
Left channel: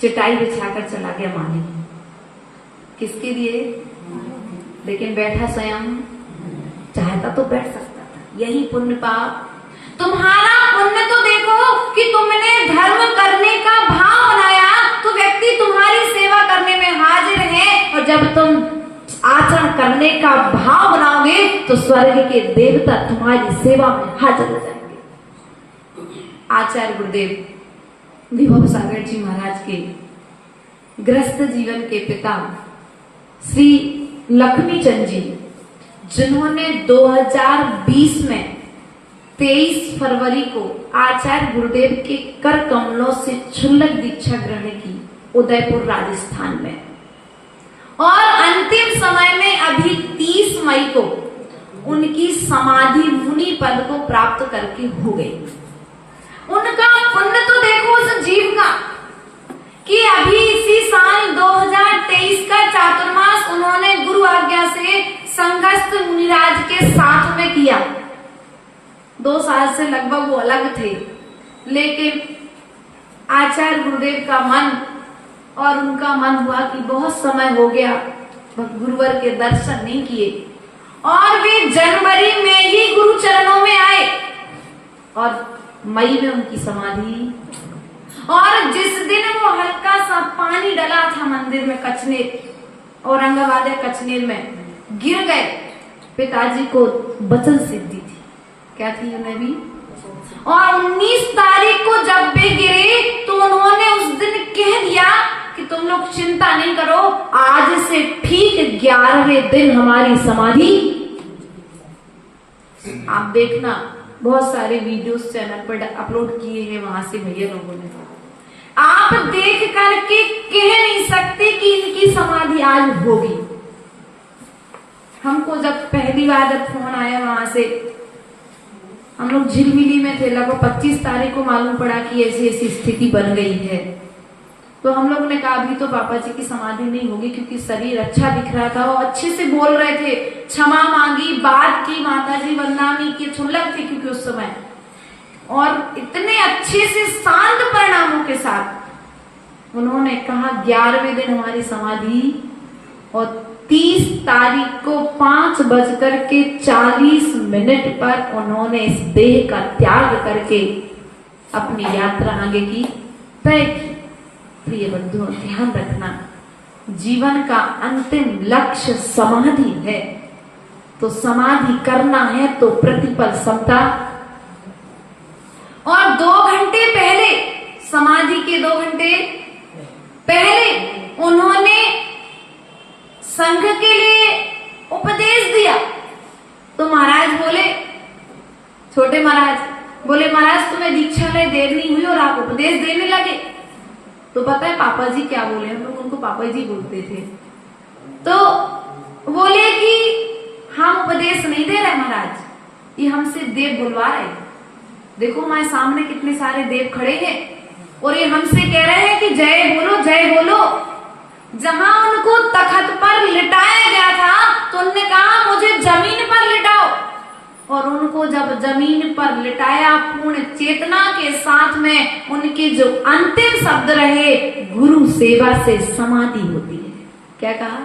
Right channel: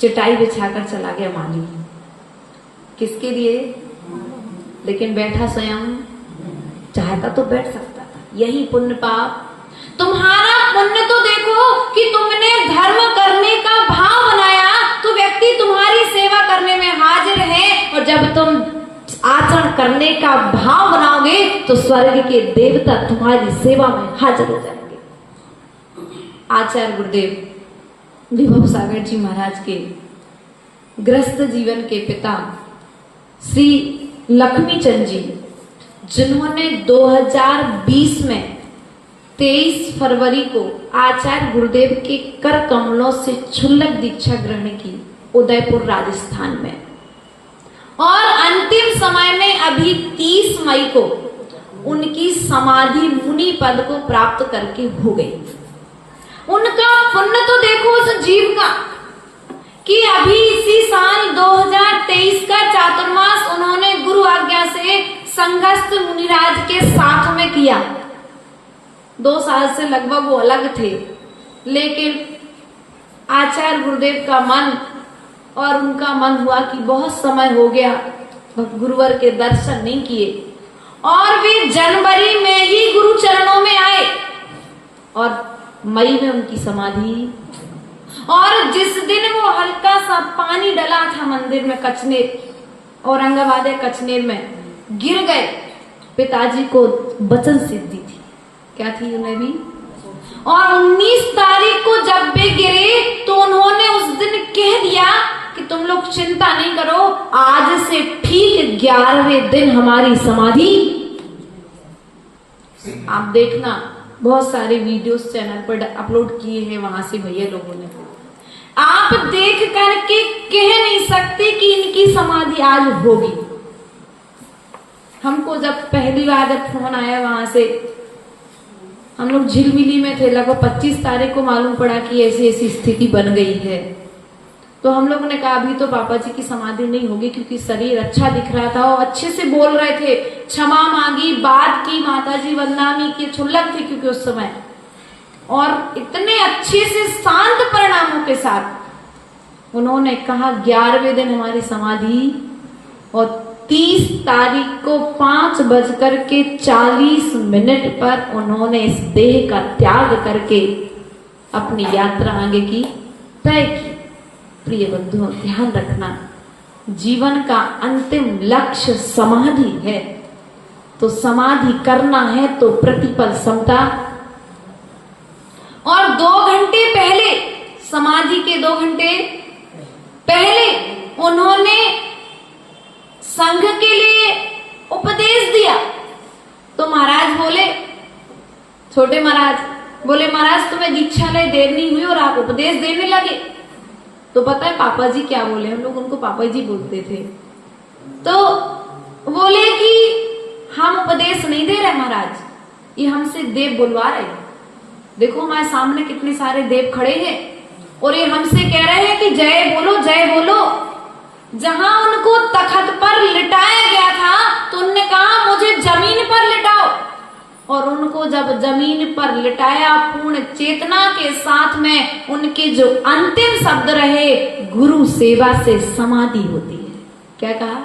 चटाई बिछाकर चला गया माली। किसके लिए? लेकिन बैठा स्वयं चाहता तो बैठ सकता था। यही पुण्य पाप। तुम्हारा पुण्य तो देखो कि तुमने धर्म करने का भाव बनाया तो व्यक्ति तुम्हारी सेवा करने में हाजिर है, और जब तुम आचरण करने का भाव बनाओगे तो स्वर्ग के देवता तुम्हारी सेवा में हाजिर हो जाएंगे। आचार्य गुरुदेव विभव सागर जी महाराज के गृहस्थ जीवन के पिता श्री लक्ष्मी चंद जी, जिन्होंने 2020 में 23 फरवरी को आचार्य गुरुदेव के कर कमलों से क्षुल्लक दीक्षा ग्रहण की उदयपुर राजस्थान में, और अंतिम समय में अभी 30 मई को उनकी समाधि मुनि पद को प्राप्त करके हो गई। उनका पुण्य तो देखो उस जीव का कि अभी इसी साल 2023 का चातुर्मास उन्होंने गुरु आज्ञा से संगस्थ मुनिराज के साथ में किया। 2 साल से लगभग वो अलग थे, लेकिन आचार्य गुरुदेव का मन और उनका मन हुआ कि बहुत समय हो गया गुरुवर के दर्शन नहीं किए, और वे जनवरी में ही गुरु चरणों में आए और मई में उनकी समाधि। और जिस दिन वो हल्का सा पानी डला था मंदिर में कचनेर, औरंगाबाद कचनेर में गिर गए, पिताजी को वचन सिद्धि थी। क्या थी उन्हें भी? और 19 तारीख को जब वे गिरे तो उन्होंने उस दिन कह दिया कि तुम लोग चिंता नहीं करो, आज से ठीक 11वें दिन हमारी समाधि। आप देखना बहुत सारे वीडियोस चैनल पर अपलोड किए हैं वहां से भैया लोगों ने। आप देख करके कह नहीं सकते कि इनकी समाधि आज होगी। हमको जब पहली बार जब फोन आया वहां से, हम लोग झिलमिली में थे, लगभग 25 तारीख को मालूम पड़ा कि ऐसी ऐसी स्थिति बन गई है। तो हम लोग ने कहा अभी तो पापा जी की समाधि नहीं होगी, क्योंकि शरीर अच्छा दिख रहा था और अच्छे से बोल रहे थे, क्षमा मांगी, बात की, माता जी वंदनामी की, छुल्लक थे क्योंकि उस समय, और इतने अच्छे से शांत परिणामों के साथ उन्होंने कहा 11वें दिन हमारी समाधि, और 30 तारीख को 5:40 पर उन्होंने इस देह का त्याग करके अपनी यात्रा आगे की तय की। प्रिय बंधुओं, ध्यान रखना, जीवन का अंतिम लक्ष्य समाधि है, तो समाधि करना है तो प्रतिपल समता। और 2 घंटे पहले, समाधि के 2 घंटे पहले उन्होंने संघ के लिए उपदेश दिया। तो महाराज बोले, छोटे महाराज बोले, महाराज तुम्हें दीक्षा ले देर नहीं हुई और आप उपदेश देने लगे। तो पता है पापा जी क्या बोले, हम लोग उनको पापा जी बोलते थे, तो बोले कि हम उपदेश नहीं दे रहे महाराज, ये हमसे देव बुलवा रहे। देखो हमारे सामने कितने सारे देव खड़े हैं और ये हमसे कह रहे हैं कि जय बोलो, जय बोलो। जहां उनको तख्त पर लिटाया गया था तो उन्होंने कहा मुझे जमीन पर लिटाओ, और उनको जब जमीन पर लिटाया, पूर्ण चेतना के साथ में उनके जो अंतिम शब्द रहे, गुरु सेवा से समाधि होती है। क्या कहा?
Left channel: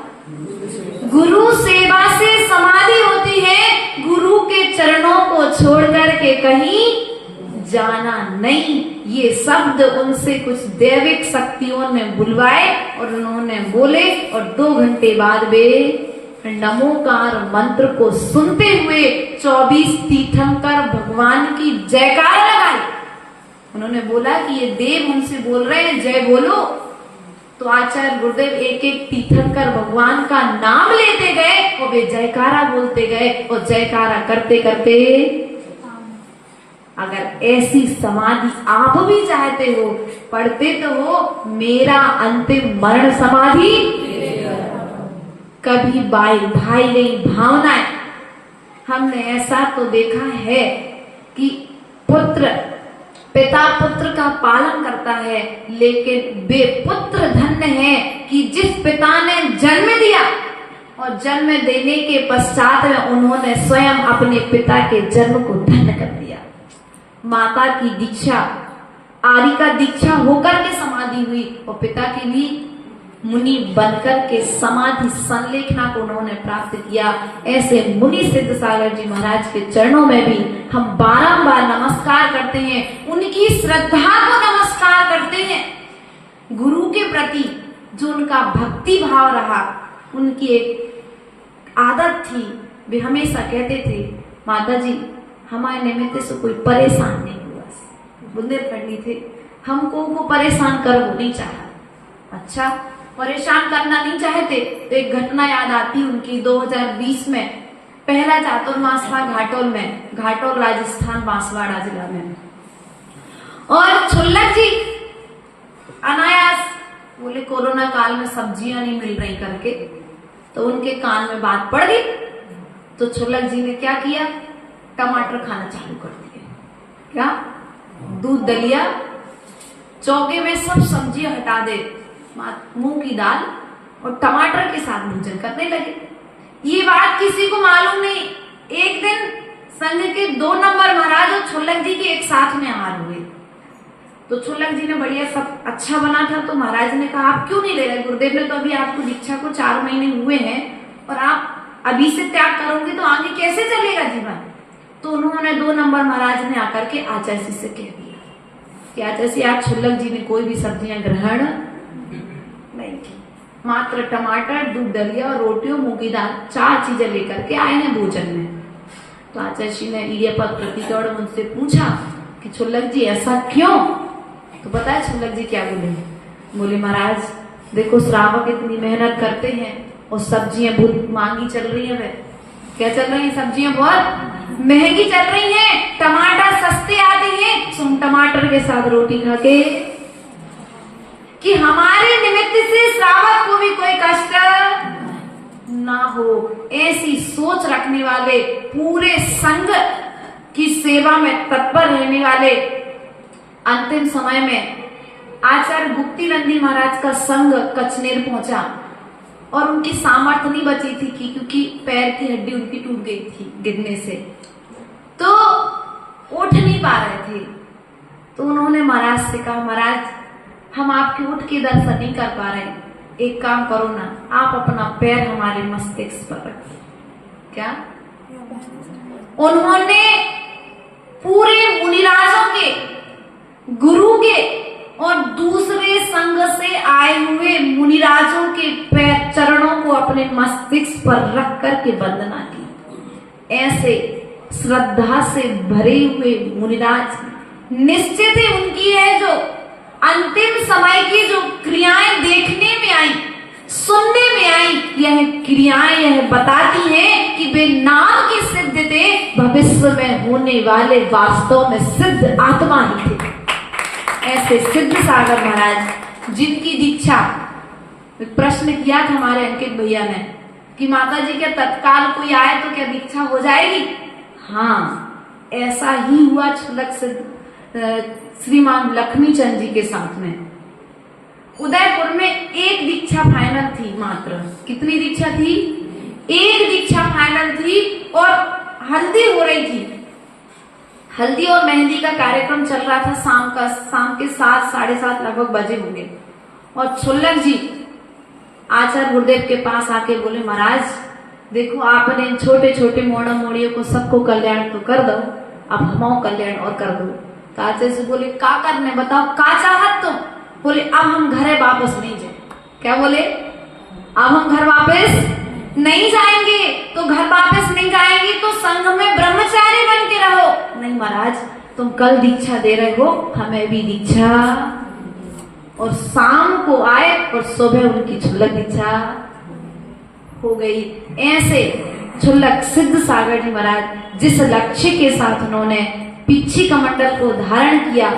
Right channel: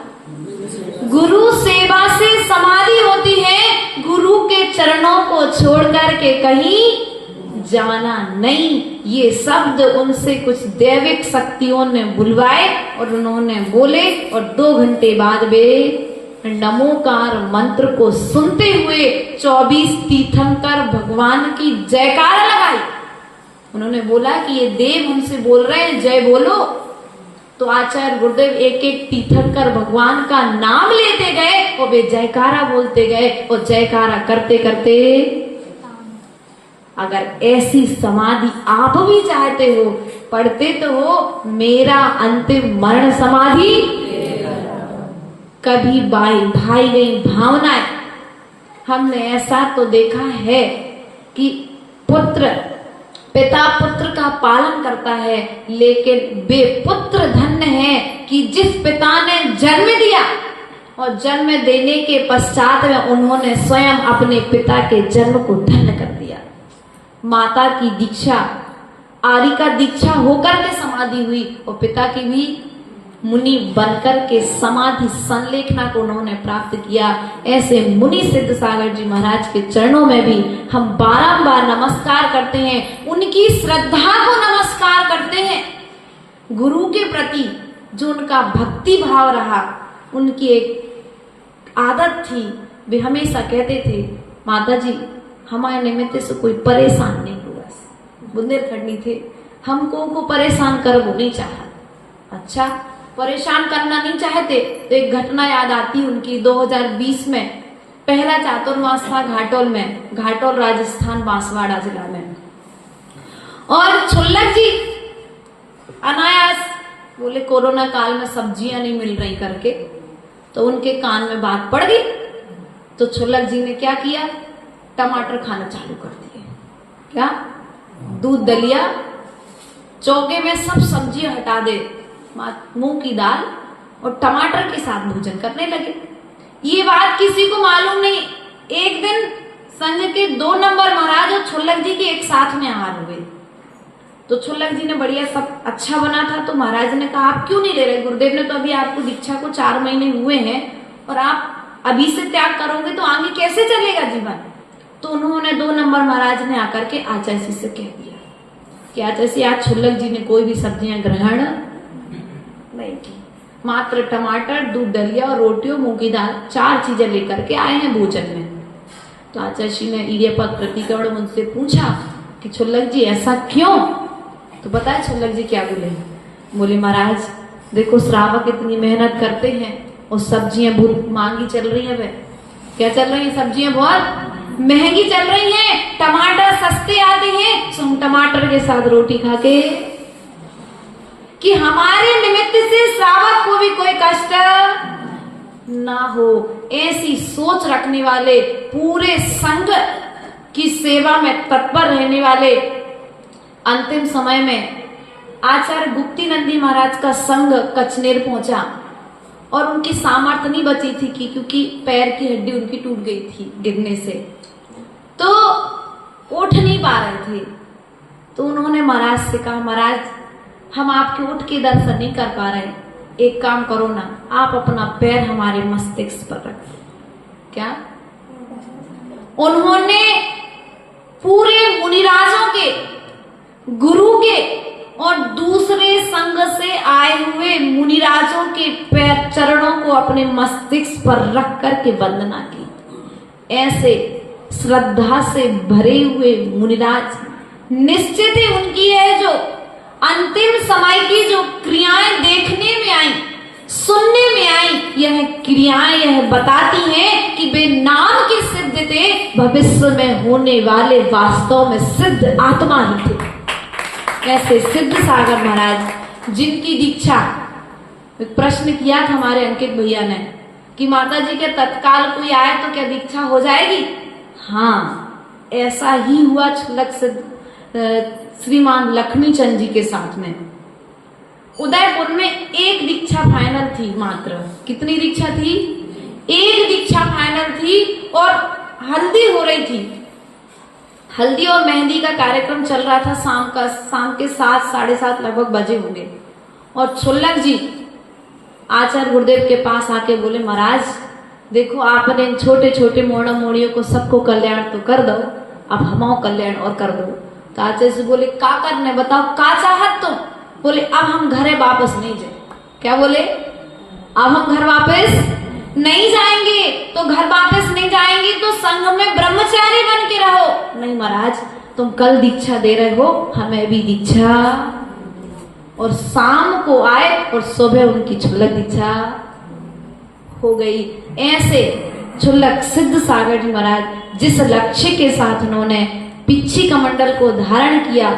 गुरु सेवा से समाधि होती है, गुरु के चरणों को छोड़ करके कहीं जाना नहीं। ये शब्द उनसे कुछ दैविक शक्तियों ने बुलवाए और उन्होंने बोले, और 2 घंटे बाद वे नमोकार मंत्र को सुनते हुए 24 तीर्थंकर भगवान की जयकारा लगाई। उन्होंने बोला कि ये देव हमसे बोल रहे हैं जय बोलो, तो आचार्य गुरुदेव एक एक तीर्थंकर भगवान का नाम लेते गए और वे जयकारा बोलते गए, और जयकारा करते करते, अगर ऐसी समाधि आप भी चाहते हो, पढ़ते तो हो, मेरा अंतिम मरण समाधि कभी भाई गई भावनाएं। हमने ऐसा तो देखा है कि पिता पुत्र का पालन करता है, लेकिन वे पुत्र धन्य है कि जिस पिता ने जन्म दिया और जन्म देने के पश्चात में उन्होंने स्वयं अपने पिता के जन्म को धन्य कर दिया। माता की दीक्षा, आर्य का दीक्षा होकर के समाधि हुई, और पिता की भी मुनि बनकर के समाधि संलेखना को उन्होंने प्राप्त किया। ऐसे मुनि सिद्ध सागर जी महाराज के चरणों में भी हम बारंबार नमस्कार करते हैं, उनकी श्रद्धा को नमस्कार करते हैं। गुरु के प्रति जो उनका भक्ति भाव रहा, उनकी एक आदत थी, वे हमेशा कहते थे, माता जी हमारे निमित्त से कोई परेशान नहीं हुआ। बुंदेलखंडी थे, हमको को परेशान कर वो नहीं चाहा। अच्छा, परेशान करना नहीं चाहते तो एक घटना याद आती उनकी। 2020 में पहला चातुर्मास था घाटोल में, घाटोल राजस्थान, बांसवाड़ा जिला में, और छुल्लक जी अनायास बोले कोरोना काल में सब्जियां नहीं मिल रही करके, तो उनके कान में बात पड़ गई। तो छुल्लक जी ने क्या किया, टमाटर खाना चालू कर दिए। क्या? दूध दलिया, चौके में सब सब्जियां हटा दे, मूंग की दाल और टमाटर के साथ भोजन करने लगे। ये बात किसी को मालूम नहीं। एक दिन संघ के 2 नंबर महाराज और छुल्लक जी के एक साथ में आहार हुए, तो छुल्लक जी ने बढ़िया सब अच्छा बना था, तो महाराज ने कहा आप क्यों नहीं ले रहे, गुरुदेव ने तो अभी आपको दीक्षा को 4 महीने हुए हैं और आप अभी से त्याग करोगे तो आगे कैसे चलेगा जीवन। तो उन्होंने 2 नंबर महाराज ने आकर के आचार्य से कह दिया कि आचार्य आज छुल्लक जी ने कोई भी सब्जियां ग्रहण नहीं की, मात्र टमाटर, दूध दलिया और रोटियों, मूंग की दाल, 4 चीजें लेकर के आए हैं भोजन में। तो आचार्य ने इडियपक प्रतिकरण उनसे पूछा कि छुल्लक जी ऐसा क्यों। तो बताया छुल्लक जी क्या बोले, बोले महाराज देखो श्रावक इतनी मेहनत करते हैं और सब्जियां बहुत महंगी चल रही है। क्या चल रही है? सब्जियां बहुत महंगी चल रही हैं, टमाटर सस्ते आते हैं, तुम टमाटर के साथ रोटी खा के, कि हमारे निमित्त से श्रावक को भी कोई कष्ट ना हो। ऐसी सोच रखने वाले, पूरे संघ की सेवा में तत्पर रहने वाले, अंतिम समय में आचार्य गुप्ती नंदी महाराज का संघ कचनेर पहुंचा और उनकी सामर्थ्य नहीं बची थी क्योंकि पैर की हड्डी उनकी टूट गई थी गिरने से, तो उठ नहीं पा रहे थे। तो उन्होंने महाराज से कहा, महाराज हम आपके उठ के दर्शन नहीं कर पा रहे, एक काम करो ना, आप अपना पैर हमारे मस्तिष्क पर रखो। क्या उन्होंने पूरे मुनिराजों के, गुरु के और दूसरे संघ से आए हुए मुनिराजों के पैर चरणों को अपने मस्तिष्क पर रख करके वंदना की। ऐसे श्रद्धा से भरे हुए मुनिराज निश्चित ही उनकी है जो अंतिम समय की जो क्रियाएं देखने में आई, सुनने में आई, यह क्रियाएं यह बताती हैं कि वे नाम के सिद्ध थे, भविष्य में होने वाले वास्तव में सिद्ध आत्मा ही थे। ऐसे सिद्ध सागर महाराज जिनकी दीक्षा, प्रश्न किया था हमारे अंकित भैया ने कि माता जी के तत्काल कोई आए तो क्या दीक्षा हो जाएगी? हाँ, ऐसा ही हुआ छलक सिद्ध श्रीमान लक्ष्मी चंद जी के साथ में। उदयपुर में एक दीक्षा फाइनल थी मात्र। कितनी दीक्षा थी? एक दीक्षा फाइनल थी और हल्दी हो रही थी। हल्दी और मेहंदी का कार्यक्रम चल रहा था शाम के 7 साढ़े 7 लगभग बजे होंगे। और छुल्लक जी आचार्य गुरुदेव के पास आके बोले, महाराज देखो आपने इन छोटे छोटे मोड़ा मोड़ियों को सबको कल्याण तो कर दो, अब हमाओ कल्याण और कर दो। तो आचार्य से बोले, का करने बताओ, का चाहत तुम? बोले, अब हम घरे वापस नहीं जाए। क्या बोले? अब हम घर वापस नहीं जाएंगे। तो घर वापस नहीं जाएंगे तो संघ में ब्रह्मचारी बन के रहो। नहीं महाराज, तुम कल दीक्षा दे रहे हो, हमें भी दीक्षा। और शाम को आए और सुबह उनकी छुल्लक दीक्षा हो गई। ऐसे छुल्लक सिद्ध सागर जी महाराज जिस लक्ष्य के साथ उन्होंने पिच्छी कमंडल को धारण किया,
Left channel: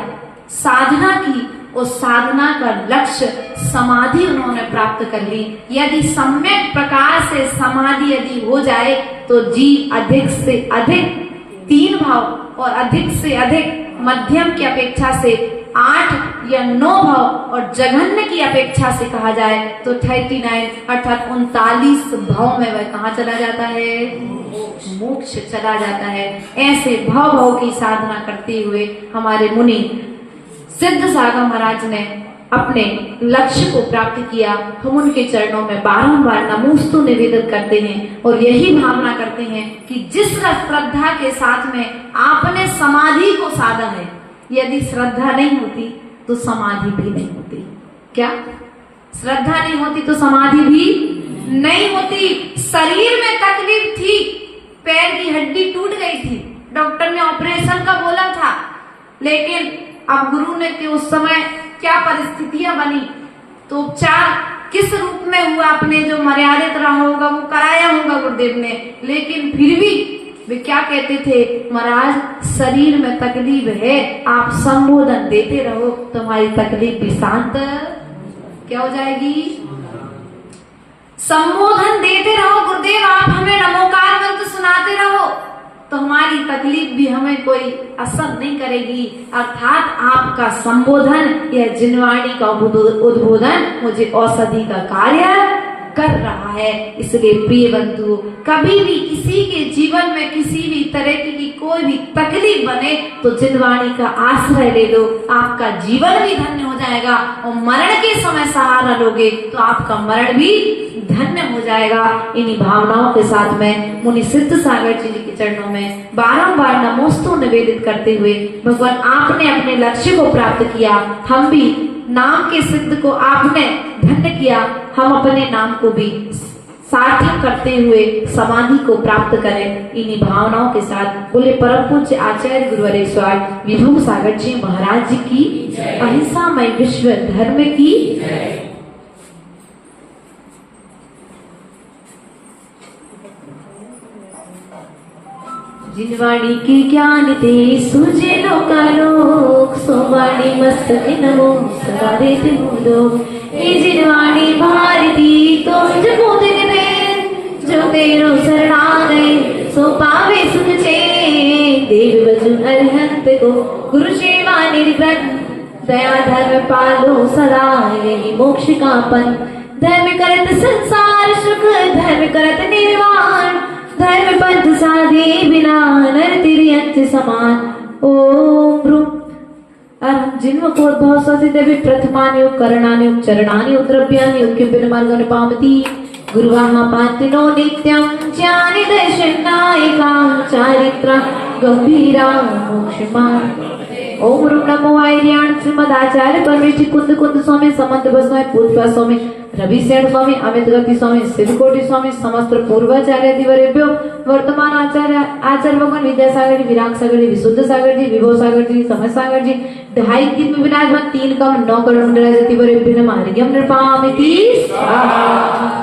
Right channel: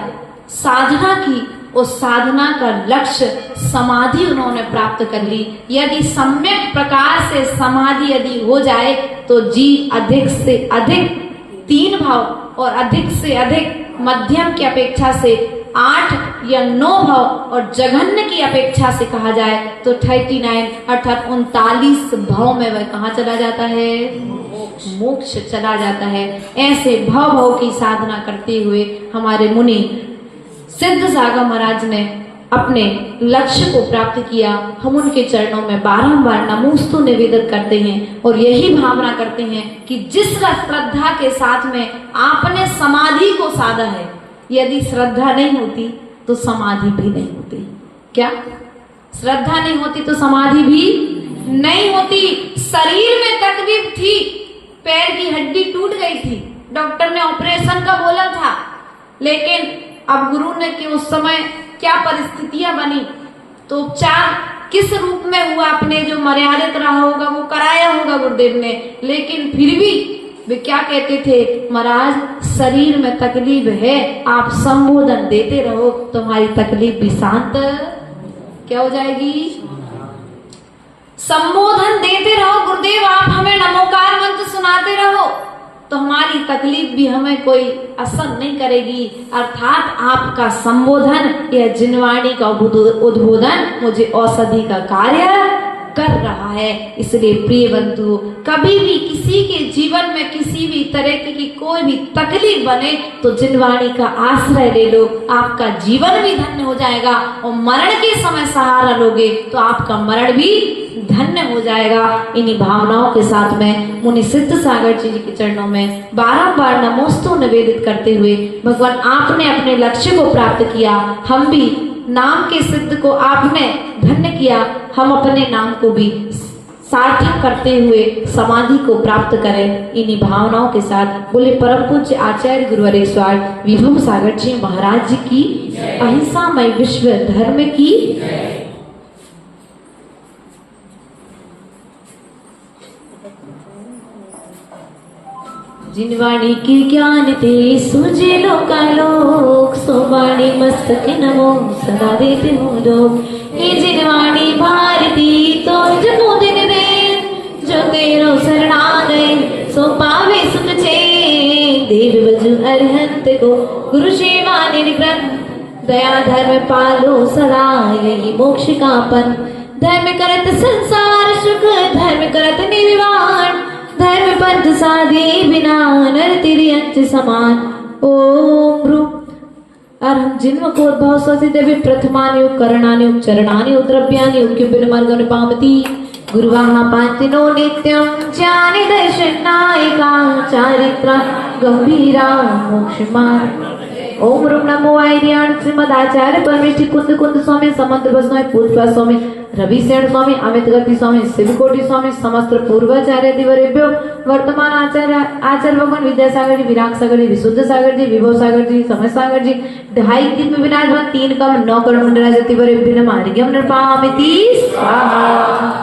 साधना की, उस साधना का लक्ष्य समाधि उन्होंने प्राप्त कर ली। यदि सम्यक प्रकार से समाधि यदि हो जाए तो जीव अधिक से अधिक 3 भाव और अधिक से अधिक मध्यम की अपेक्षा से 8 या 9 भाव और जघन्य की अपेक्षा से कहा जाए तो 39 अर्थात 39 भाव में वह कहाँ चला जाता है? मोक्ष चला जाता है। ऐसे भाव की साधना करते हुए हमारे मुनि सिद्ध सागर महाराज ने अपने लक्ष्य को प्राप्त किया। हम उनके चरणों में बारंबार नमोस्तु निवेदन करते हैं और यही भावना करते हैं कि जिस श्रद्धा के साथ में आपने समाधि को साधा है, यदि श्रद्धा नहीं होती तो समाधि भी नहीं होती। क्या श्रद्धा नहीं होती तो समाधि भी नहीं होती। शरीर में तकलीफ थी, पैर की हड्डी टूट गई थी, डॉक्टर ने ऑपरेशन का बोला था, लेकिन अब गुरु ने कि उस समय क्या परिस्थितियां बनी तो उपचार किस रूप में हुआ, अपने जो मर्यादित रहा होगा वो कराया होगा गुरुदेव ने। लेकिन फिर भी वे क्या कहते थे, महाराज शरीर में तकलीफ है, आप संबोधन देते रहो, तुम्हारी तकलीफ भी शांत क्या हो जाएगी? संबोधन देते रहो गुरुदेव, आप हमें नमोकार मंत्र सुनाते रहो तो हमारी तकलीफ भी हमें कोई असर नहीं करेगी। अर्थात आपका संबोधन, यह जिनवाणी का उद्बोधन मुझे औषधि का कार्य कर रहा है। इसलिए प्रिय बंधु, कभी भी किसी के जीवन में किसी भी तरह की कोई भी तकलीफ बने तो जिनवाणी का आश्रय ले लो, आपका जीवन भी धन्य हो जाएगा। और मरण के समय सहारा लोगे तो आपका मरण भी धन्य हो जाएगा। इन्हीं भावनाओं के साथ में मुनि सिद्ध सागर जी के चरणों में बारंबार नमोस्तु निवेदित करते हुए, भगवान आपने अपने लक्ष्य को प्राप्त किया, हम भी नाम के सिद्ध को आपने धन्य किया, हम अपने नाम को भी सार्थक करते हुए समाधि को प्राप्त करें। इन्हीं भावनाओं के साथ बोले परम पूज्य आचार्य गुरुवर स्वामी विभू सागर जी महाराज जी की, अहिंसामय विश्व धर्म की। जिनवाणी के ज्ञान ते सुझे लोकालोक, सोवाणी मस्तक नमो सदा देते मुदो। ये जिनवाणी भारती तो जमोदिन में, जो तेरो शरणा गए सो पावे सुख छे। देव बजु अरिहंत को गुरु सेवा निर्व्रत, दया धर्म पालो सदा यही मोक्ष का पन। धर्म करत संसार सुख धर्म करत निर्वाण, धर्म पंथ साधे बिना नर तेरी अंत समान। ओम भ्रू और जिन्म कोद्भव सति देवी प्रथमानि करणानि चरणानि द्रव्यानि किंपिन मार्गनि पामति। गुरुवाह पातिनो नित्यं ज्ञानि दर्शनायका चारित्रा गंभीरा मोक्षमार्ग। ओम रूम नमो आर्याण श्रीमदाचार्य परमेश्वर कुंद कुंद स्वामी समंत गोस्वामी पूर्वा स्वामी रविशेण स्वामी अमित गति स्वामी शिवकोटि स्वामी समस्त पूर्वाचार्य दिवरेभ्यो वर्तमान आचार्य भगवान विद्यासागर जी विराग सागर जी विशुद्ध सागर जी विभव सागर जी समय सागर जी 2.5 दिन में विनाशवान 3 कम 9 करोड़ मंडला दिवरेभ्यो नमः। अर्घ्यं नृपामिति स्वाहा।